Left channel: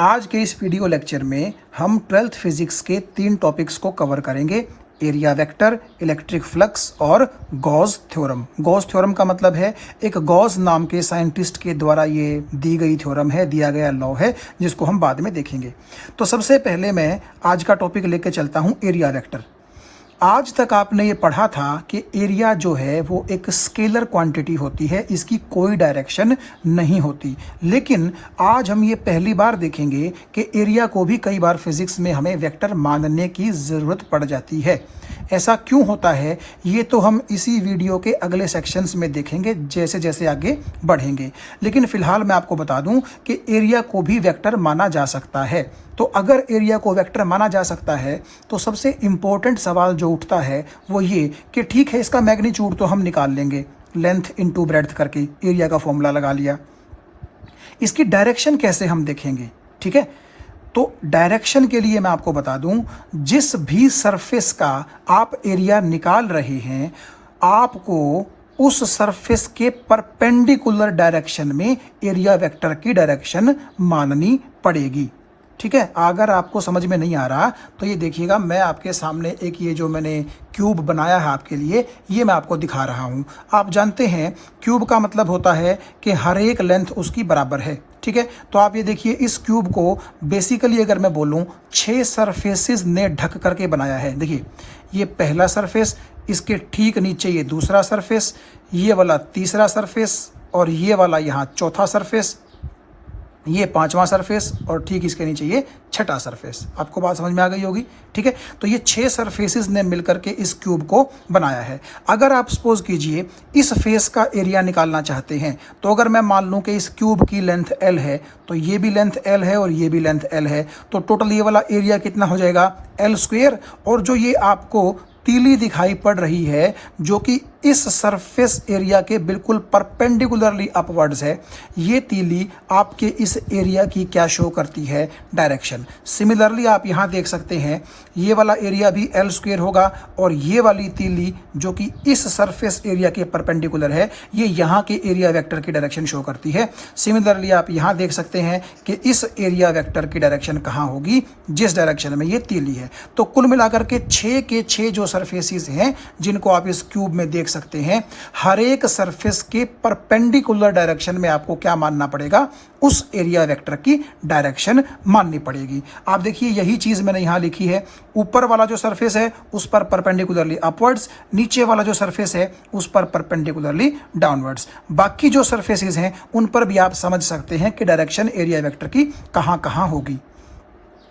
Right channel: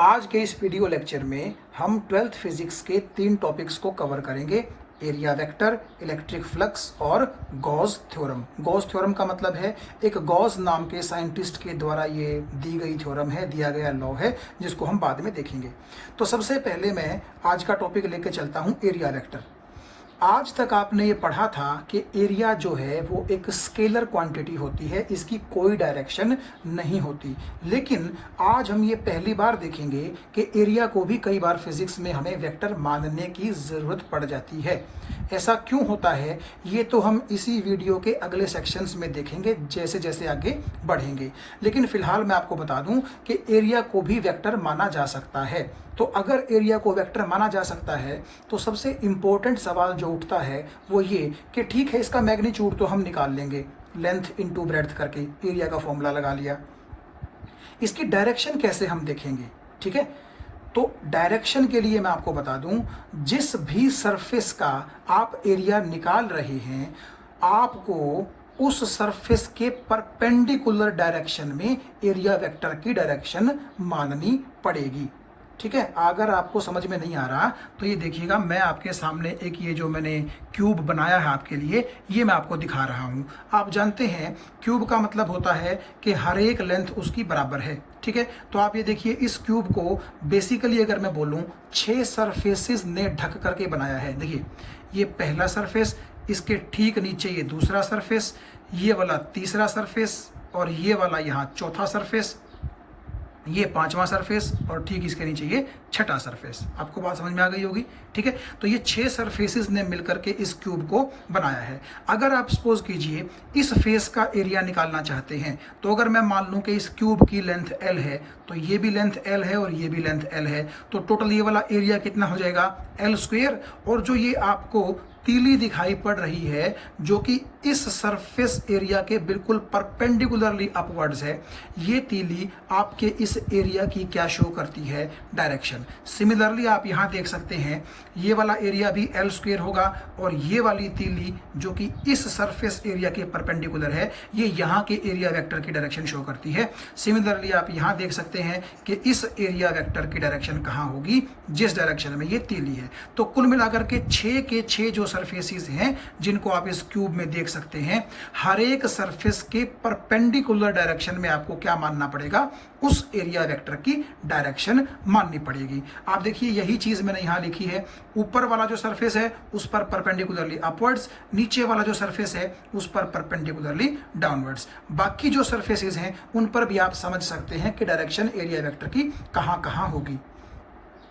आज के इस वीडियो लेक्चर में हम 12th फिजिक्स के 3 टॉपिक्स को कवर करेंगे। एरिया वेक्टर, इलेक्ट्रिक फ्लक्स और गॉस थ्योरम। गॉस थ्योरम का मतलब है एक गॉस नाम के साइंटिस्ट के द्वारा ये दी गई थ्योरम है, दिया गया लॉ है, जिसको हम बाद में देखेंगे। तो सबसे पहले मैं आज का टॉपिक लेके चलता हूँ एरिया वेक्टर। आज तक आपने ये पढ़ा था कि एरिया जो है वो एक स्केलर क्वांटिटी होती है, इसकी कोई डायरेक्शन नहीं होती। लेकिन आज हम ये पहली बार देखेंगे कि एरिया को भी कई बार फिजिक्स में हमें वेक्टर मानने की ज़रूरत पड़ जाती है। ऐसा क्यों होता है ये तो हम इसी वीडियो के अगले सेक्शंस में देखेंगे जैसे जैसे आगे बढ़ेंगे। लेकिन फिलहाल मैं आपको बता दूं कि एरिया को भी वेक्टर माना जा सकता है। तो अगर एरिया को वेक्टर माना जा सकता है तो सबसे इंपॉर्टेंट सवाल जो उठता है वो ये कि ठीक है, इसका मैग्नीट्यूड तो हम निकाल लेंगे, लेंथ इनटू ब्रेड्थ करके एरिया का फॉर्मूला लगा लिया। इसकी डायरेक्शन कैसे हम देखेंगे? ठीक है, तो डायरेक्शन के लिए मैं आपको बता दूं, जिस भी सरफेस का आप एरिया निकाल रहे हैं, आपको उस सरफेस के परपेंडिकुलर डायरेक्शन में एरिया वेक्टर की डायरेक्शन माननी पड़ेगी। ठीक है, अगर आपको समझ में नहीं आ रहा तो ये देखिएगा, मैं आपके सामने एक ये जो मैंने क्यूब बनाया है आपके लिए, ये मैं आपको दिखा रहा हूँ। आप जानते हैं क्यूब का मतलब होता है कि हर एक लेंथ उसकी बराबर है। ठीक है, तो आप ये देखिए, इस क्यूब को बेसिकली अगर मैं बोलूँ 6 सरफेसेस ने ढक करके बनाया है। देखिए, ये पहला सरफेस, इसके ठीक नीचे ये दूसरा सरफेस, ये वाला तीसरा सरफेस और ये वाला यहाँ चौथा सरफेस, ये पांचवा सरफेस और ठीक इसके नीचे ये छठा सरफेस। आपको बात समझ में आ गई होगी। ठीक है, तो ये 6 सरफेसेस ने मिलकर के इस क्यूब को बनाया है। अगर आप सपोज कीजिए इस फेस का एरिया निकालना चाहते हैं, तो अगर मैं मान लूं कि इस क्यूब की लेंथ L है, तो ये भी लेंथ L है और ये भी लेंथ L है, तो टोटल ये वाला एरिया कितना हो जाएगा? L square. और जो ये आपको तीली दिखाई पड़ रही है जो कि इस सरफेस एरिया के बिल्कुल परपेंडिकुलरली अपवर्ड्स है, ये तीली आपके इस एरिया की क्या शो करती है? डायरेक्शन। सिमिलरली आप यहाँ देख सकते हैं, ये वाला एरिया भी L स्क्वायर होगा और ये वाली तीली जो कि इस सरफेस एरिया के परपेंडिकुलर है, ये यहाँ के एरिया वेक्टर की डायरेक्शन शो करती है। सिमिलरली आप यहाँ देख सकते हैं कि इस एरिया वेक्टर की डायरेक्शन कहाँ होगी? जिस डायरेक्शन में ये तीली है। तो कुल मिलाकर के 6 के 6 जो सरफेसेस हैं जिनको आप इस क्यूब में देख सकते हैं, हर एक सरफेस के परपेंडिकुलर डायरेक्शन में आपको क्या मानना पड़ेगा? उस एरिया वेक्टर की डायरेक्शन माननी पड़ेगी। आप देखिए, यही चीज मैंने यहां लिखी है। ऊपर वाला जो सरफेस है उस पर परपेंडिकुलरली अपवर्ड्स, नीचे वाला जो सरफेस है उस पर परपेंडिकुलरली डाउनवर्ड्स। बाकी जो सरफेसेस हैं उन पर भी आप समझ सकते हैं कि डायरेक्शन एरिया वेक्टर की कहां कहां होगी।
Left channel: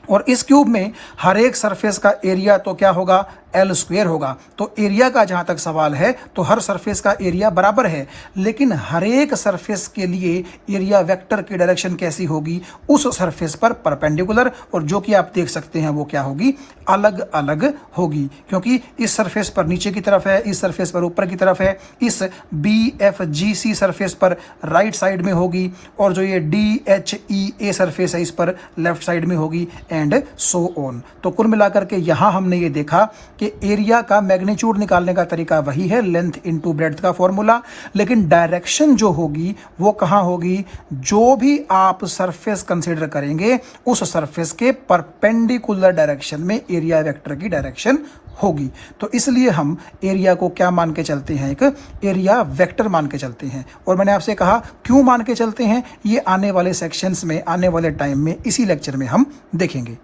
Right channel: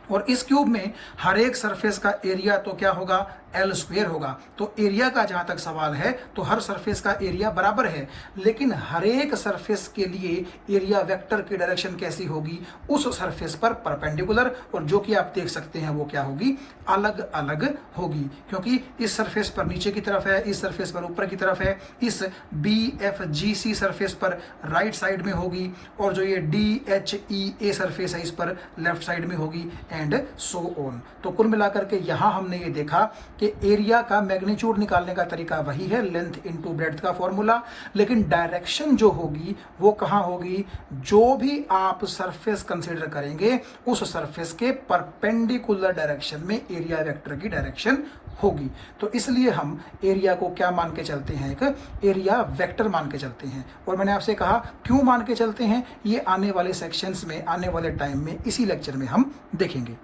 और इस क्यूब में हर एक सरफेस का एरिया तो क्या होगा? L स्क्वायर होगा। तो एरिया का जहां तक सवाल है तो हर सरफेस का एरिया बराबर है, लेकिन हर एक सरफेस के लिए एरिया वेक्टर की डायरेक्शन कैसी होगी? उस सरफेस पर परपेंडिकुलर। और जो कि आप देख सकते हैं वो क्या होगी? अलग अलग होगी, क्योंकि इस सरफेस पर नीचे की तरफ है, इस सरफेस पर ऊपर की तरफ है, इस BFGC सरफेस पर राइट साइड में होगी, और जो ये DHEA सरफेस है इस पर लेफ्ट साइड में होगी, एंड सो ऑन। तो कुल मिलाकर के यहां हमने ये देखा कि एरिया का मैग्नीट्यूड निकालने का तरीका वही है, लेंथ इनटू ब्रेड्थ का फॉर्मूला, लेकिन डायरेक्शन जो होगी वो कहां होगी? जो भी आप सरफेस कंसीडर करेंगे उस सरफेस के परपेंडिकुलर डायरेक्शन में एरिया वेक्टर की डायरेक्शन होगी। तो इसलिए हम एरिया को क्या मान के चलते हैं? एक एरिया वेक्टर मान के चलते हैं। और मैंने आपसे कहा क्यों मान के चलते हैं, ये आने वाले सेक्शंस में, आने वाले टाइम में, इसी लेक्चर में हम देखेंगे।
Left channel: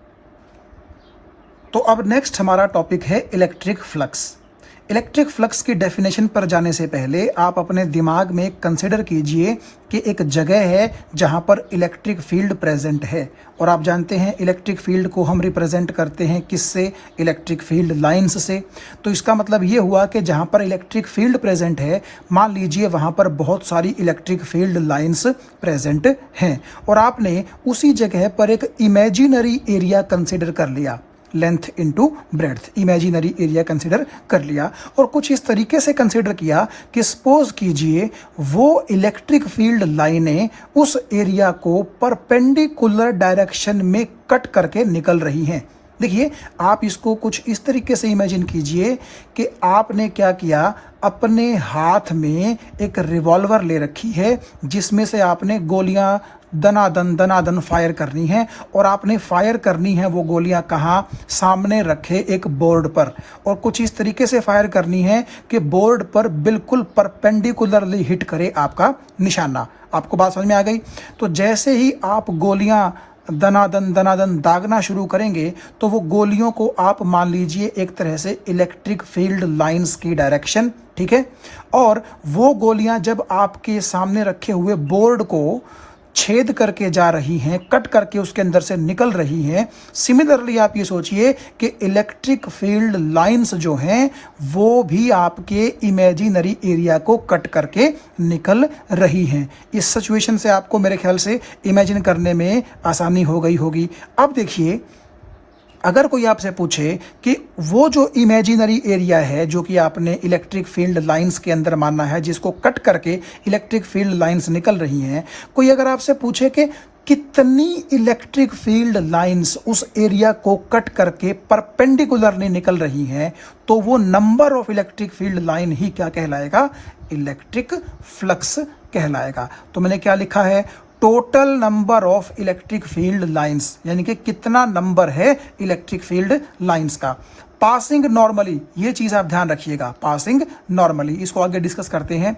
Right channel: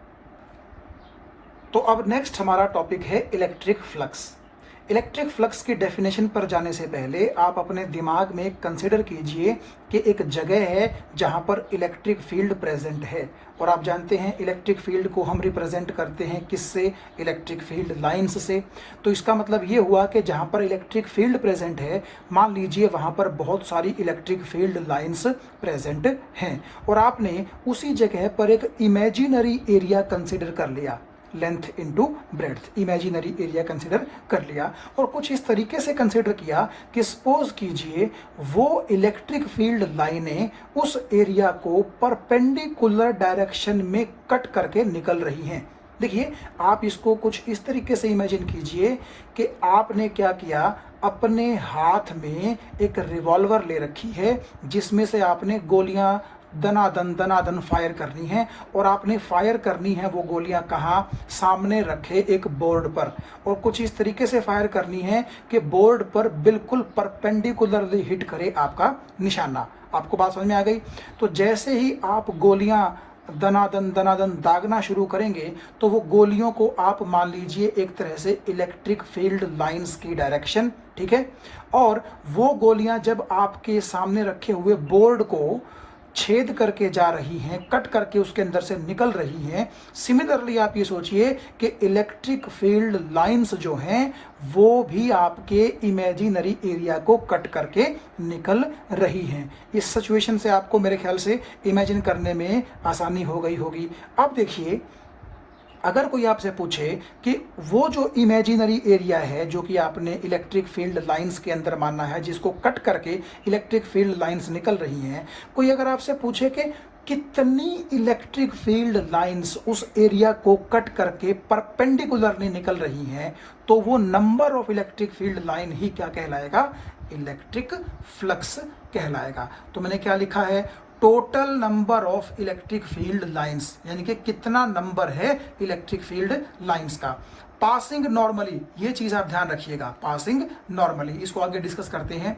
तो अब नेक्स्ट हमारा टॉपिक है इलेक्ट्रिक फ्लक्स। इलेक्ट्रिक फ्लक्स की डेफिनेशन पर जाने से पहले आप अपने दिमाग में कंसिडर कीजिए कि एक जगह है जहां पर इलेक्ट्रिक फील्ड प्रेजेंट है। और आप जानते हैं इलेक्ट्रिक फील्ड को हम रिप्रेजेंट करते हैं किससे? इलेक्ट्रिक फील्ड लाइंस से। तो इसका मतलब ये हुआ कि जहां पर इलेक्ट्रिक फील्ड प्रेजेंट है, मान लीजिए वहां पर बहुत सारी इलेक्ट्रिक फील्ड लाइंस प्रेजेंट हैं, और आपने उसी जगह पर एक इमेजिनरी एरिया कंसिडर कर लिया, length into breadth, imaginary area consider कर लिया। और कुछ इस तरीके से कंसिडर किया कि सपोज कीजिए वो इलेक्ट्रिक फील्ड लाइनें उस एरिया को परपेंडिकुलर डायरेक्शन में कट करके निकल रही हैं। देखिए, आप इसको कुछ इस तरीके से इमेजिन कीजिए कि आपने क्या किया, अपने हाथ में एक रिवॉल्वर ले रखी है जिसमें से आपने गोलियां दनादन फायर करनी है, और आपने फायर करनी है वो गोलियां कहाँ, सामने रखे एक बोर्ड पर, और कुछ इस तरीके से फायर करनी है कि बोर्ड पर बिल्कुल परपेंडिकुलरली हिट करे आपका निशाना। आपको बात समझ में आ गई? तो जैसे ही आप गोलियां दनादन दागना शुरू करेंगे तो वो गोलियों को आप मान लीजिए एक तरह से इलेक्ट्रिक फील्ड लाइंस की डायरेक्शन, ठीक है, और वो गोलियां जब आपके सामने रखे हुए बोर्ड को छेद करके जा रही हैं, कट करके उसके अंदर से निकल रही हैं। सिमिलरली आप ये सोचिए कि इलेक्ट्रिक फील्ड लाइंस जो हैं वो भी आपके इमेजिनरी एरिया को कट करके निकल रही हैं। इस सिचुएशन से आपको मेरे ख्याल से इमेजिन करने में आसानी हो गई होगी। अब देखिए, अगर कोई आपसे पूछे कि वो जो इमेजिनरी एरिया है जो कि आपने इलेक्ट्रिक फील्ड लाइंस के अंदर मानना है, जिसको कट करके इलेक्ट्रिक फील्ड लाइंस निकल रही हैं, कोई अगर आपसे पूछे कि कितनी इलेक्ट्रिक फील्ड लाइंस उस एरिया को कट करके परपेंडिकुलरली निकल रही हैं, तो वो number of electric field line ही क्या कहलाएगा, इलेक्ट्रिक फ्लक्स कहलाएगा। तो मैंने क्या लिखा है, total number of electric field lines, यानी कि कितना नंबर है इलेक्ट्रिक फील्ड लाइंस का। पासिंग नॉर्मली, ये चीज आप ध्यान रखिएगा, पासिंग नॉर्मली, इसको आगे डिस्कस करते हैं।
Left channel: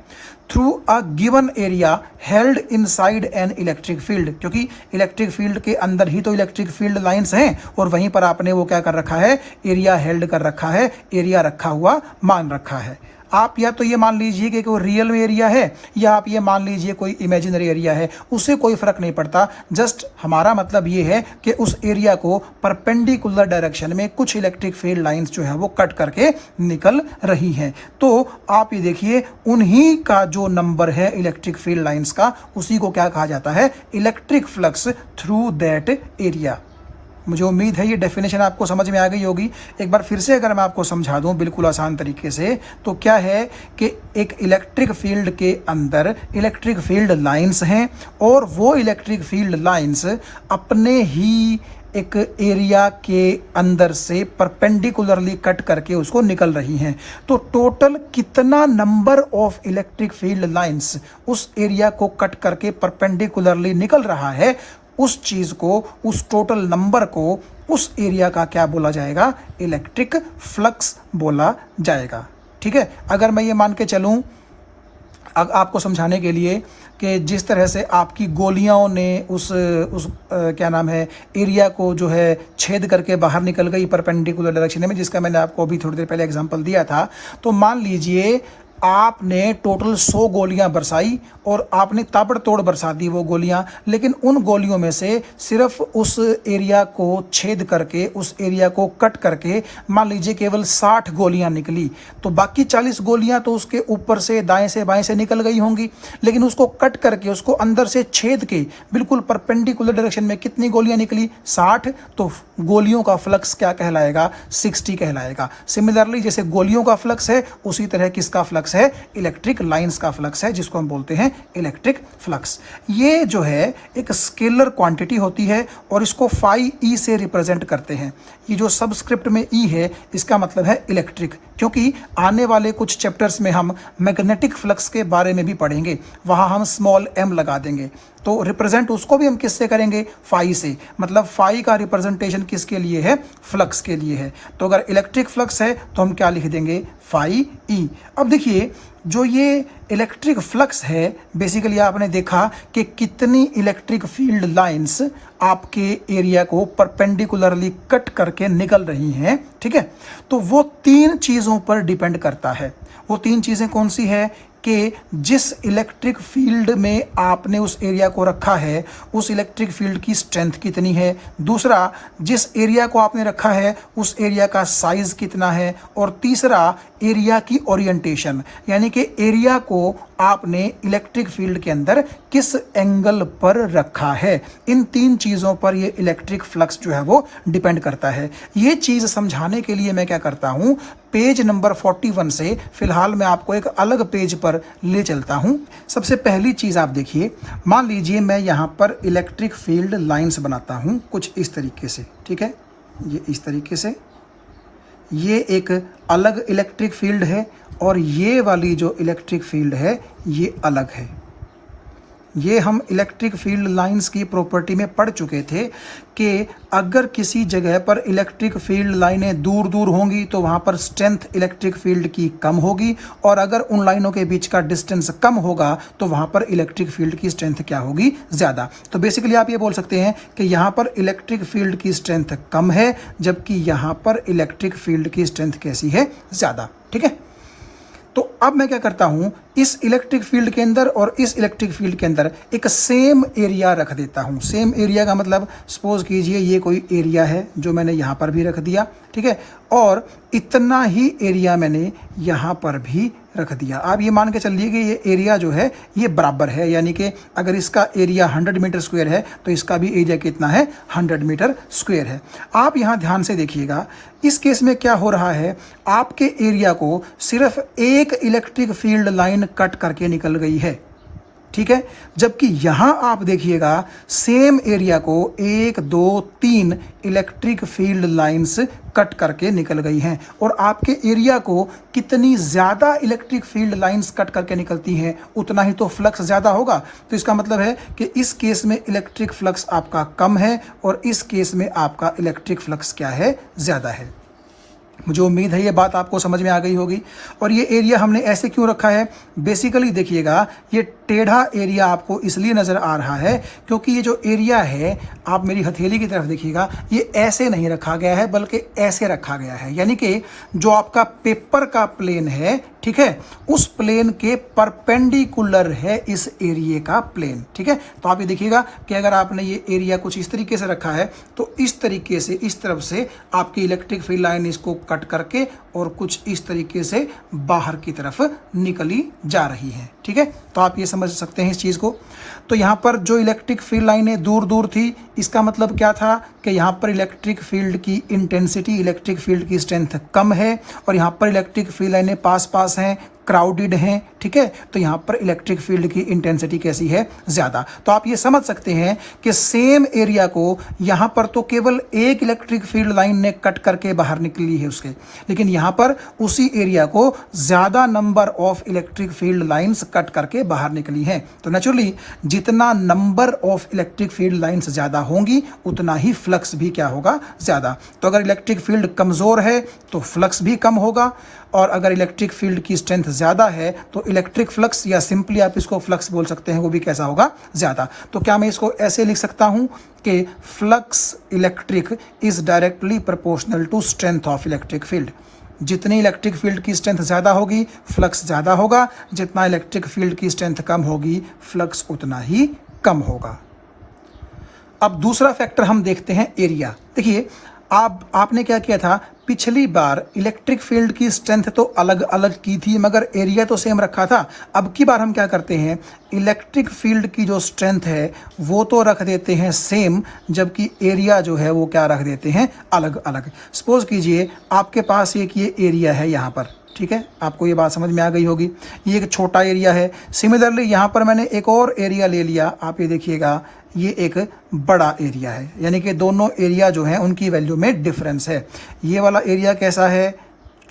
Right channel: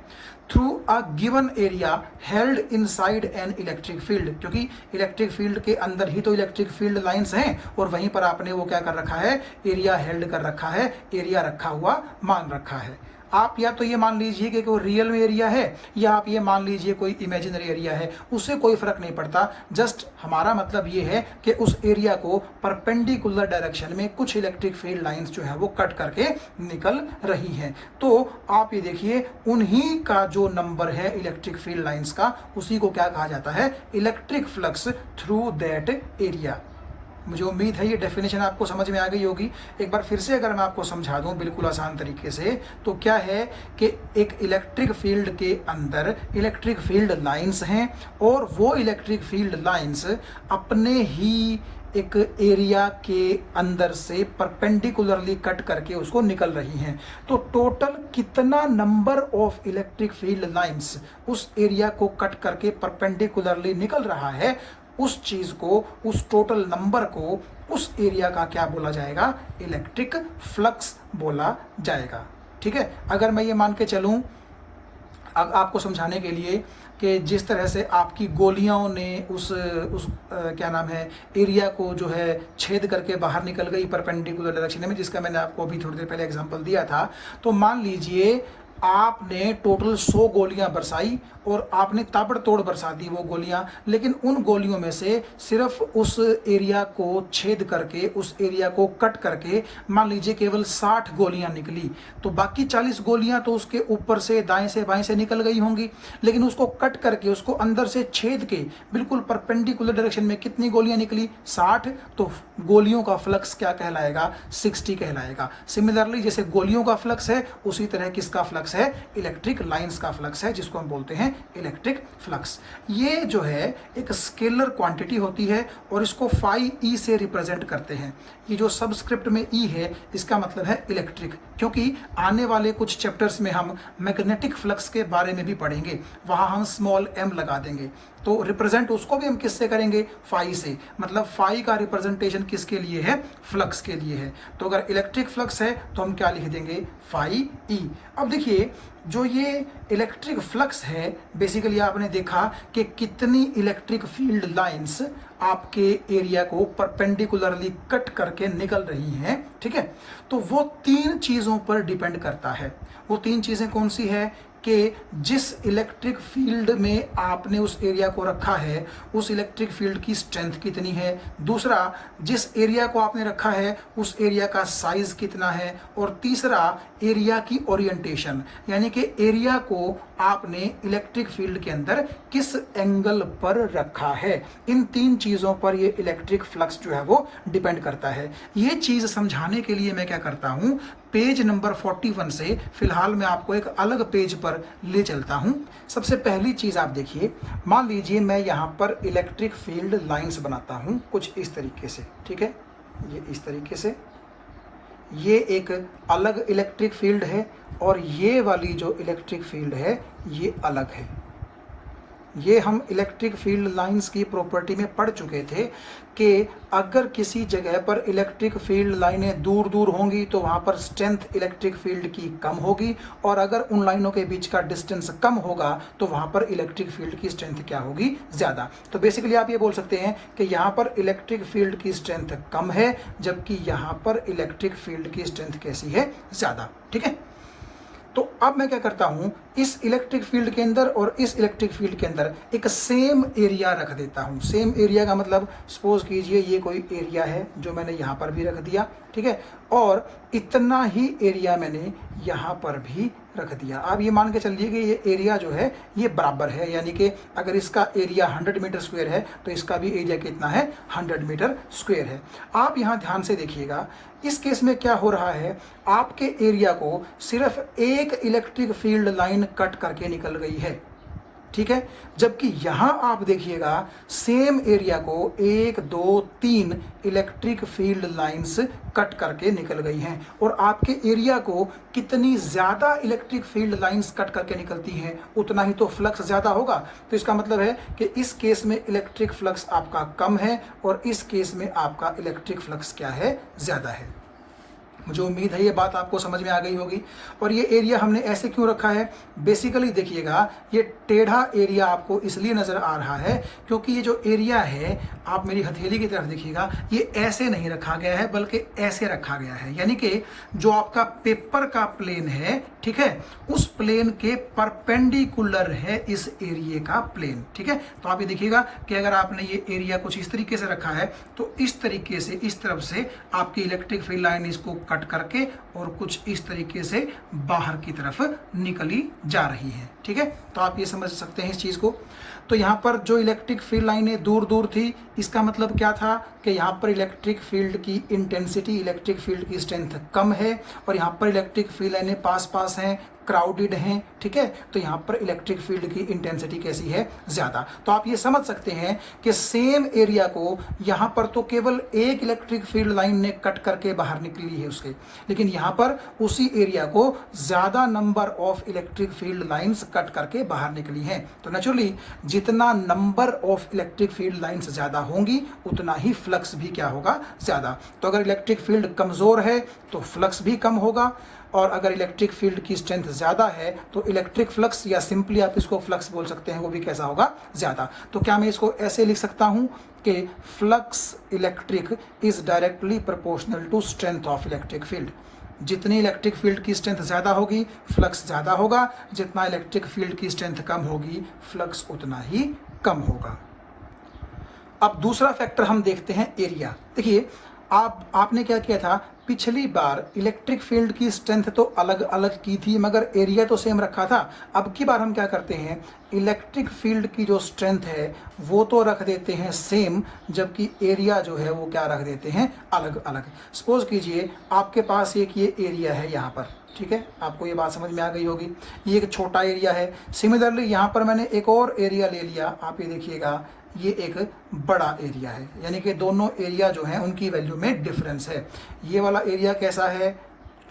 Through a given area held inside an electric field, क्योंकि इलेक्ट्रिक फील्ड के अंदर ही तो इलेक्ट्रिक फील्ड लाइंस हैं, और वहीं पर आपने वो क्या कर रखा है, एरिया हेल्ड कर रखा है, एरिया रखा हुआ मान रखा है। आप या तो ये मान लीजिए कि कोई रियल एरिया है, या आप ये मान लीजिए कोई इमेजिनरी एरिया है, उससे कोई फर्क नहीं पड़ता। जस्ट हमारा मतलब ये है कि उस एरिया को परपेंडिकुलर डायरेक्शन में कुछ इलेक्ट्रिक फील्ड लाइंस जो है वो कट करके निकल रही हैं। तो आप ये देखिए, उन्हीं का जो नंबर है इलेक्ट्रिक फील्ड लाइंस का, उसी को क्या कहा जाता है, electric flux through that area. मुझे उम्मीद है ये डेफिनेशन आपको समझ में आ गई होगी। एक बार फिर से अगर मैं आपको समझा दूं बिल्कुल आसान तरीके से, तो क्या है कि एक इलेक्ट्रिक फील्ड के अंदर इलेक्ट्रिक फील्ड लाइंस हैं, और वो इलेक्ट्रिक फील्ड लाइंस अपने ही एक एरिया के अंदर से परपेंडिकुलरली कट करके उसको निकल रही हैं। तो टोटल कितना number of electric field lines उस एरिया को कट करके परपेंडिकुलरली निकल रहा है, उस चीज को, उस टोटल नंबर को, उस एरिया का क्या बोला जाएगा, इलेक्ट्रिक फ्लक्स बोला जाएगा। ठीक है, अगर मैं ये मान के चलूं आपको समझाने के लिए कि जिस तरह से आपकी गोलियों ने उस क्या नाम है, एरिया को जो है छेद करके बाहर निकल गई परपेंडिकुलर डायरेक्शन में, जिसका मैंने आपको अभी थोड़ी देर पहले एग्जांपल दिया था। तो मान लीजिए आपने टोटल 100 गोलियां बरसाई, और आपने ताबड़तोड़ बरसा दी वो गोलियां, लेकिन उन गोलियों में से सिर्फ उस एरिया को छेद करके, उस एरिया को कट करके मान लीजिए केवल 60 गोलियां निकली, तो बाकी 40 गोलियां तो उसके ऊपर से दाएं से बाएं से निकल गई होंगी, लेकिन उसको कट करके, उसको अंदर से छेद के बिल्कुल परपेंडिकुलर डायरेक्शन में कितनी गोलियां निकली, 60। तो गोलियों का फ्लक्स क्या कहलाएगा, 60 कहलाएगा। सिमिलरली जैसे गोलियों का फ्लक्स है, उसी तरह किसका फ्लक्स है, इलेक्ट्रिक लाइंस का फ्लक्स है, जिसको हम बोलते हैं इलेक्ट्रिक फ्लक्स। ये जो है एक स्केलर क्वांटिटी होती है, और इसको फाई ई से रिप्रेजेंट करते हैं। ये जो सबस्क्रिप्ट में ई है, इसका मतलब है इलेक्ट्रिक, क्योंकि आने वाले कुछ चैप्टर्स में हम मैग्नेटिक फ्लक्स के बारे में भी पढ़ेंगे, वहां हम स्मॉल एम लगा देंगे। तो रिप्रेजेंट उसको भी हम किससे करेंगे, फाई से। मतलब फाई का रिप्रेजेंटेशन किसके लिए है, फ्लक्स के लिए है। तो अगर इलेक्ट्रिक फ्लक्स है तो हम क्या लिख देंगे, फाई ई। अब देखिए, जो ये इलेक्ट्रिक फ्लक्स है, बेसिकली आपने देखा कि कितनी इलेक्ट्रिक फील्ड लाइंस आपके एरिया को परपेंडिकुलरली कट करके निकल रही हैं। ठीक है, तो वो 3 चीज़ों पर डिपेंड करता है। वो 3 चीज़ें कौन सी हैं कि जिस इलेक्ट्रिक फील्ड में आपने उस एरिया को रखा है, उस इलेक्ट्रिक फील्ड की स्ट्रेंथ कितनी है। दूसरा, जिस एरिया को आपने रखा है उस एरिया का साइज कितना है। और तीसरा, एरिया की ओरिएंटेशन, यानी कि एरिया को आपने इलेक्ट्रिक फील्ड के अंदर किस एंगल पर रखा है। इन 3 चीज़ों पर ये इलेक्ट्रिक फ्लक्स जो है वो डिपेंड करता है। ये चीज़ समझाने के लिए मैं क्या करता हूँ, पेज नंबर 41 से फिलहाल मैं आपको एक अलग पेज पर ले चलता हूँ। सबसे पहली चीज़ आप देखिए, मान लीजिए मैं यहाँ पर इलेक्ट्रिक फील्ड लाइंस बनाता हूँ कुछ इस तरीके से। ठीक है, ये इस तरीके से, ये एक अलग इलेक्ट्रिक फील्ड है, और ये वाली जो इलेक्ट्रिक फील्ड है ये अलग है। ये हम इलेक्ट्रिक फील्ड लाइंस की प्रॉपर्टी में पढ़ चुके थे कि अगर किसी जगह पर इलेक्ट्रिक फील्ड लाइनें दूर दूर होंगी तो वहाँ पर स्ट्रेंथ इलेक्ट्रिक फील्ड की कम होगी, और अगर उन लाइनों के बीच का डिस्टेंस कम होगा तो वहाँ पर इलेक्ट्रिक फील्ड की स्ट्रेंथ क्या होगी, ज़्यादा। तो बेसिकली आप ये बोल सकते हैं कि यहाँ पर इलेक्ट्रिक फील्ड की स्ट्रेंथ कम है, जबकि यहाँ पर इलेक्ट्रिक फील्ड की स्ट्रेंथ कैसी है, ज़्यादा। ठीक है, तो अब मैं क्या करता हूं, इस इलेक्ट्रिक फील्ड के अंदर और इस इलेक्ट्रिक फील्ड के अंदर एक सेम एरिया रख देता हूं। सेम एरिया का मतलब सपोज कीजिए ये कोई एरिया है जो मैंने यहां पर भी रख दिया, ठीक है, और इतना ही एरिया मैंने यहां पर भी रख दिया। आप ये मान के चलिए कि ये एरिया जो है ये बराबर है, यानी कि अगर इसका एरिया 100 मीटर स्क्वायर है तो इसका भी एरिया कितना है, 100 मीटर स्क्वायर है। आप यहाँ ध्यान से देखिएगा, इस केस में क्या हो रहा है, आपके एरिया को सिर्फ एक इलेक्ट्रिक फील्ड लाइन कट करके निकल गई है, ठीक है, जबकि यहां आप देखिएगा सेम एरिया को 1 2 3 इलेक्ट्रिक फील्ड लाइंस कट करके निकल गई हैं, और आपके एरिया को कितनी ज़्यादा इलेक्ट्रिक फील्ड लाइंस कट करके निकलती हैं उतना ही तो फ्लक्स ज़्यादा होगा। तो इसका मतलब है कि इस केस में इलेक्ट्रिक फ्लक्स आपका कम है और इस केस में आपका इलेक्ट्रिक फ्लक्स क्या है, ज़्यादा है। मुझे उम्मीद है ये बात आपको समझ में आ गई होगी। और ये एरिया हमने ऐसे क्यों रखा है, बेसिकली देखिएगा ये टेढ़ा एरिया आपको इसलिए नज़र आ रहा है क्योंकि ये जो एरिया है, आप मेरी हथेली की तरफ देखिएगा, ये ऐसे नहीं रखा गया है बल्कि ऐसे रखा गया है, यानी कि जो आपका पेपर का प्लेन है, ठीक है, उस प्लेन के परपेंडिकुलर है इस एरिया का प्लेन। ठीक है, तो आप ये देखिएगा कि अगर आपने ये एरिया कुछ इस तरीके से रखा है तो इस तरीके से इस तरफ से आपकी इलेक्ट्रिक फील्ड लाइन इसको कट करके और कुछ इस तरीके से बाहर की तरफ निकली जा रही है। ठीक है, तो आप ये समझ सकते हैं इस चीज़ को। तो यहाँ पर जो इलेक्ट्रिक फील्ड लाइनें दूर दूर थी, इसका मतलब क्या था कि यहाँ पर इलेक्ट्रिक फील्ड की इंटेंसिटी, इलेक्ट्रिक फील्ड की स्ट्रेंथ कम है, और यहाँ पर इलेक्ट्रिक फील्ड लाइनें पास पास हैं, क्राउडेड हैं। ठीक है, तो यहाँ पर इलेक्ट्रिक फील्ड की इंटेंसिटी कैसी है, ज़्यादा। तो आप ये समझ सकते हैं कि सेम एरिया को यहाँ पर तो केवल एक इलेक्ट्रिक फील्ड लाइन ने कट करके बाहर निकली है उसके, लेकिन यहाँ पर उसी एरिया को ज़्यादा number of electric field lines cut करके बाहर निकली हैं। तो नेचुरली जितना number of electric field lines ज़्यादा होंगी उतना ही फ्लक्स भी क्या होगा, ज़्यादा। तो अगर इलेक्ट्रिक फील्ड कमज़ोर है तो फ्लक्स भी कम होगा, और अगर इलेक्ट्रिक फील्ड की स्ट्रेंथ ज़्यादा है तो इलेक्ट्रिक फ्लक्स, या सिंपली आप इसको फ्लक्स बोल सकते हैं, वो भी कैसा होगा, ज़्यादा। तो क्या मैं इसको ऐसे लिख सकता हूं कि flux electric is directly proportional to strength of electric field. जितनी इलेक्ट्रिक फील्ड की स्ट्रेंथ ज़्यादा होगी फ्लक्स ज़्यादा होगा, जितना इलेक्ट्रिक फील्ड की स्ट्रेंथ कम होगी फ्लक्स उतना ही कम होगा। अब दूसरा फैक्टर हम देखते हैं, एरिया। देखिए आपने क्या किया था, पिछली बार इलेक्ट्रिक फील्ड की स्ट्रेंथ तो अलग अलग की थी मगर एरिया तो सेम रखा था। अब की बार हम क्या करते हैं, इलेक्ट्रिक फील्ड की जो स्ट्रेंथ है वो तो रख देते हैं सेम, जबकि एरिया जो है वो क्या रख देते हैं, अलग अलग। सपोज कीजिए आपके पास एक ये एरिया है यहाँ पर, ठीक है, आपको ये बात समझ में आ गई होगी, ये एक छोटा एरिया है। सिमिलरली यहाँ पर मैंने एक और एरिया ले लिया, आप ये देखिएगा ये एक बड़ा एरिया है, यानी कि दोनों एरिया जो हैं उनकी वैल्यू में डिफरेंस है। ये वाला एरिया कैसा है,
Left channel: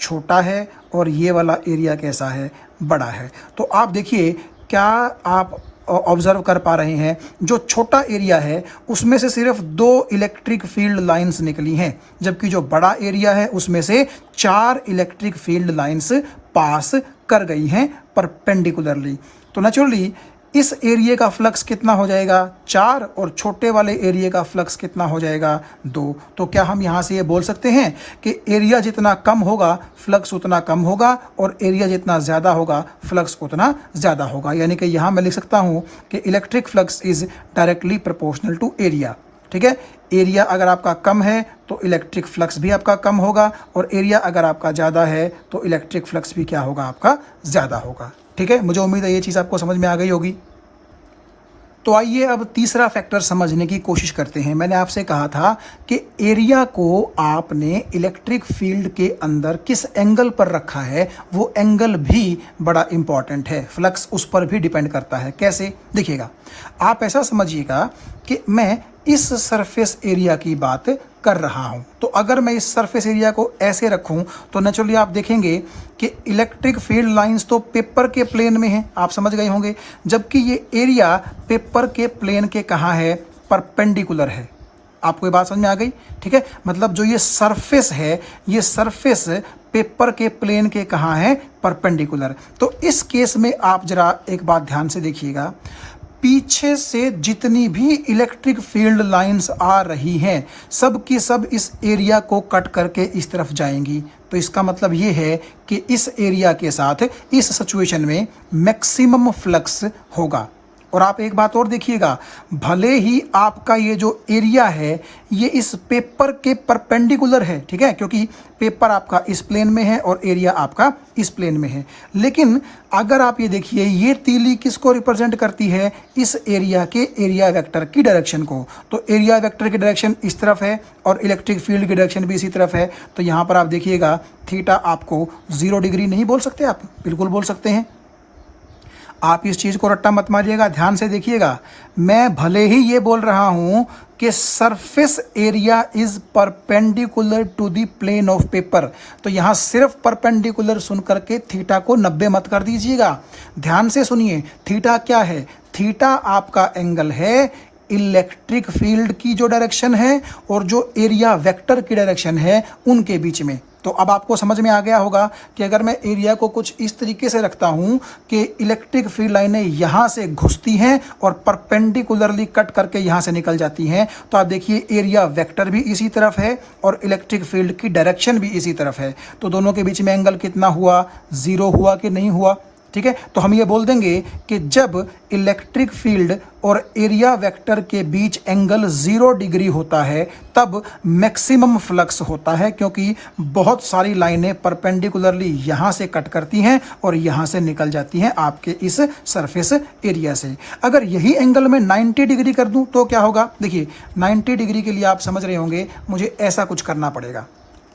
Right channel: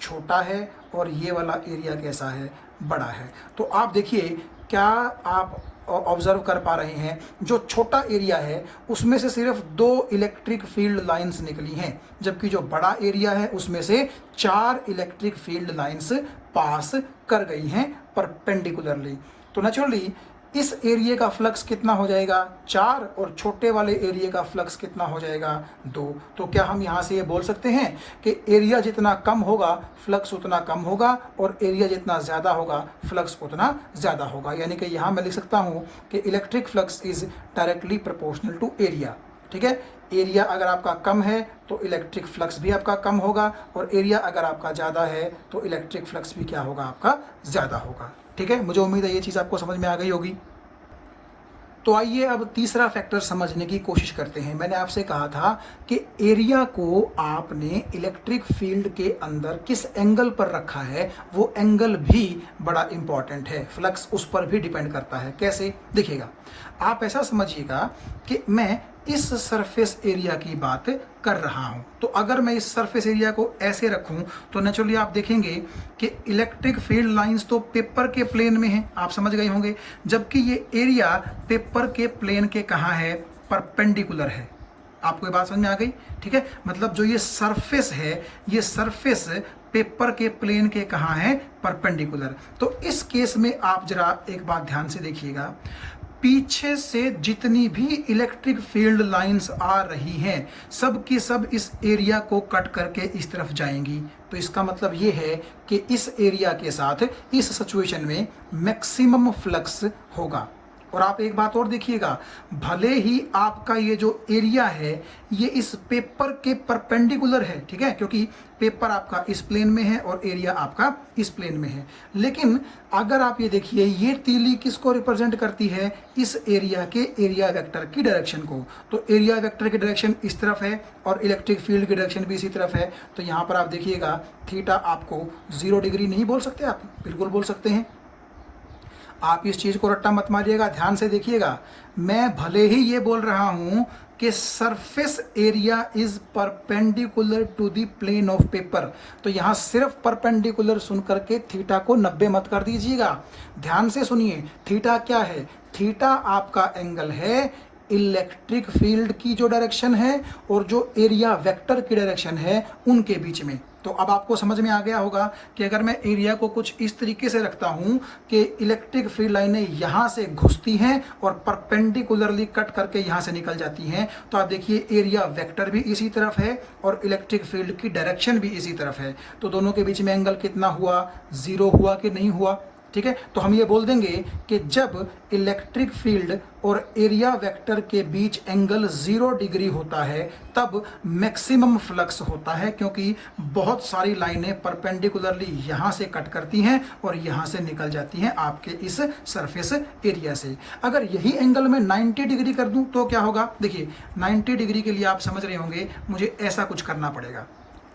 छोटा है, और ये वाला एरिया कैसा है, बड़ा है। तो आप देखिए, क्या आप ऑब्जर्व कर पा रहे हैं, जो छोटा एरिया है उसमें से सिर्फ 2 इलेक्ट्रिक फील्ड लाइंस निकली हैं, जबकि जो बड़ा एरिया है उसमें से 4 इलेक्ट्रिक फील्ड लाइंस पास कर गई हैं परपेंडिकुलरली। तो नेचुरली इस एरिया का फ्लक्स कितना हो जाएगा, 4, और छोटे वाले एरिया का फ्लक्स कितना हो जाएगा, 2। तो क्या हम यहाँ से ये बोल सकते हैं कि एरिया जितना कम होगा फ्लक्स उतना कम होगा, और एरिया जितना ज़्यादा होगा फ्लक्स उतना ज़्यादा होगा। यानी कि यहाँ मैं लिख सकता हूँ कि electric flux is directly proportional to area. ठीक है, एरिया अगर आपका कम है तो इलेक्ट्रिक फ्लक्स भी आपका कम होगा, और एरिया अगर आपका ज़्यादा है तो इलेक्ट्रिक फ्लक्स भी क्या होगा, आपका ज़्यादा होगा। ठीक है, मुझे उम्मीद है ये चीज़ आपको समझ में आ गई होगी। तो आइए अब तीसरा फैक्टर समझने की कोशिश करते हैं। मैंने आपसे कहा था कि एरिया को आपने इलेक्ट्रिक फील्ड के अंदर किस एंगल पर रखा है वो एंगल भी बड़ा इंपॉर्टेंट है, फ्लक्स उस पर भी डिपेंड करता है। कैसे, देखिएगा, आप ऐसा समझिएगा कि मैं इस सरफेस एरिया की बात कर रहा हूं। तो अगर मैं इस सरफेस एरिया को ऐसे रखूं तो नेचुरली आप देखेंगे कि इलेक्ट्रिक फील्ड लाइंस तो पेपर के प्लेन में हैं, आप समझ गए होंगे, जबकि ये एरिया पेपर के प्लेन के कहाँ है, परपेंडिकुलर है। आपको ये बात समझ में आ गई? ठीक है, मतलब जो ये सरफेस है, ये सरफेस पेपर के प्लेन के कहाँ है, परपेंडिकुलर। तो इस केस में आप जरा एक बात ध्यान से देखिएगा, पीछे से जितनी भी इलेक्ट्रिक फील्ड लाइंस आ रही हैं सब की सब इस एरिया को कट करके इस तरफ जाएंगी। तो इसका मतलब ये है कि इस एरिया के साथ इस सिचुएशन में मैक्सिमम फ्लक्स होगा। और आप एक बात और देखिएगा, भले ही आपका ये जो एरिया है ये इस पेपर के परपेंडिकुलर है, ठीक है, क्योंकि पेपर आपका इस प्लेन में है और एरिया आपका इस प्लेन में है, लेकिन अगर आप ये देखिए ये तीली किसको रिप्रेजेंट करती है, इस एरिया के एरिया वेक्टर की डायरेक्शन को। तो एरिया वेक्टर की डायरेक्शन इस तरफ है और इलेक्ट्रिक फील्ड की डायरेक्शन भी इसी तरफ है। तो यहाँ पर आप देखिएगा थीटा आपको 0 डिग्री नहीं बोल सकते, आप बिल्कुल बोल सकते हैं। आप इस चीज़ को रट्टा मत मारिएगा, ध्यान से देखिएगा। मैं भले ही ये बोल रहा हूं कि surface area is perpendicular to the plane of paper, तो यहां सिर्फ परपेंडिकुलर सुन करके थीटा को 90 मत कर दीजिएगा। ध्यान से सुनिए, थीटा क्या है? थीटा आपका एंगल है इलेक्ट्रिक फील्ड की जो डायरेक्शन है और जो एरिया वेक्टर की डायरेक्शन है उनके बीच में। तो अब आपको समझ में आ गया होगा कि अगर मैं एरिया को कुछ इस तरीके से रखता हूं कि इलेक्ट्रिक फील्ड लाइनें यहां से घुसती हैं और परपेंडिकुलरली कट करके यहां से निकल जाती हैं, तो आप देखिए एरिया वेक्टर भी इसी तरफ है और इलेक्ट्रिक फील्ड की डायरेक्शन भी इसी तरफ है। तो दोनों के बीच में एंगल कितना हुआ, 0 हुआ कि नहीं हुआ? ठीक है, तो हम ये बोल देंगे कि जब इलेक्ट्रिक फील्ड और एरिया वेक्टर के बीच एंगल 0 डिग्री होता है तब मैक्सिमम फ्लक्स होता है, क्योंकि बहुत सारी लाइनें परपेंडिकुलरली यहाँ से कट करती हैं और यहाँ से निकल जाती हैं आपके इस सरफेस एरिया से। अगर यही एंगल मैं 90 डिग्री कर दूं तो क्या होगा? देखिए 90 डिग्री के लिए आप समझ रहे होंगे मुझे ऐसा कुछ करना पड़ेगा।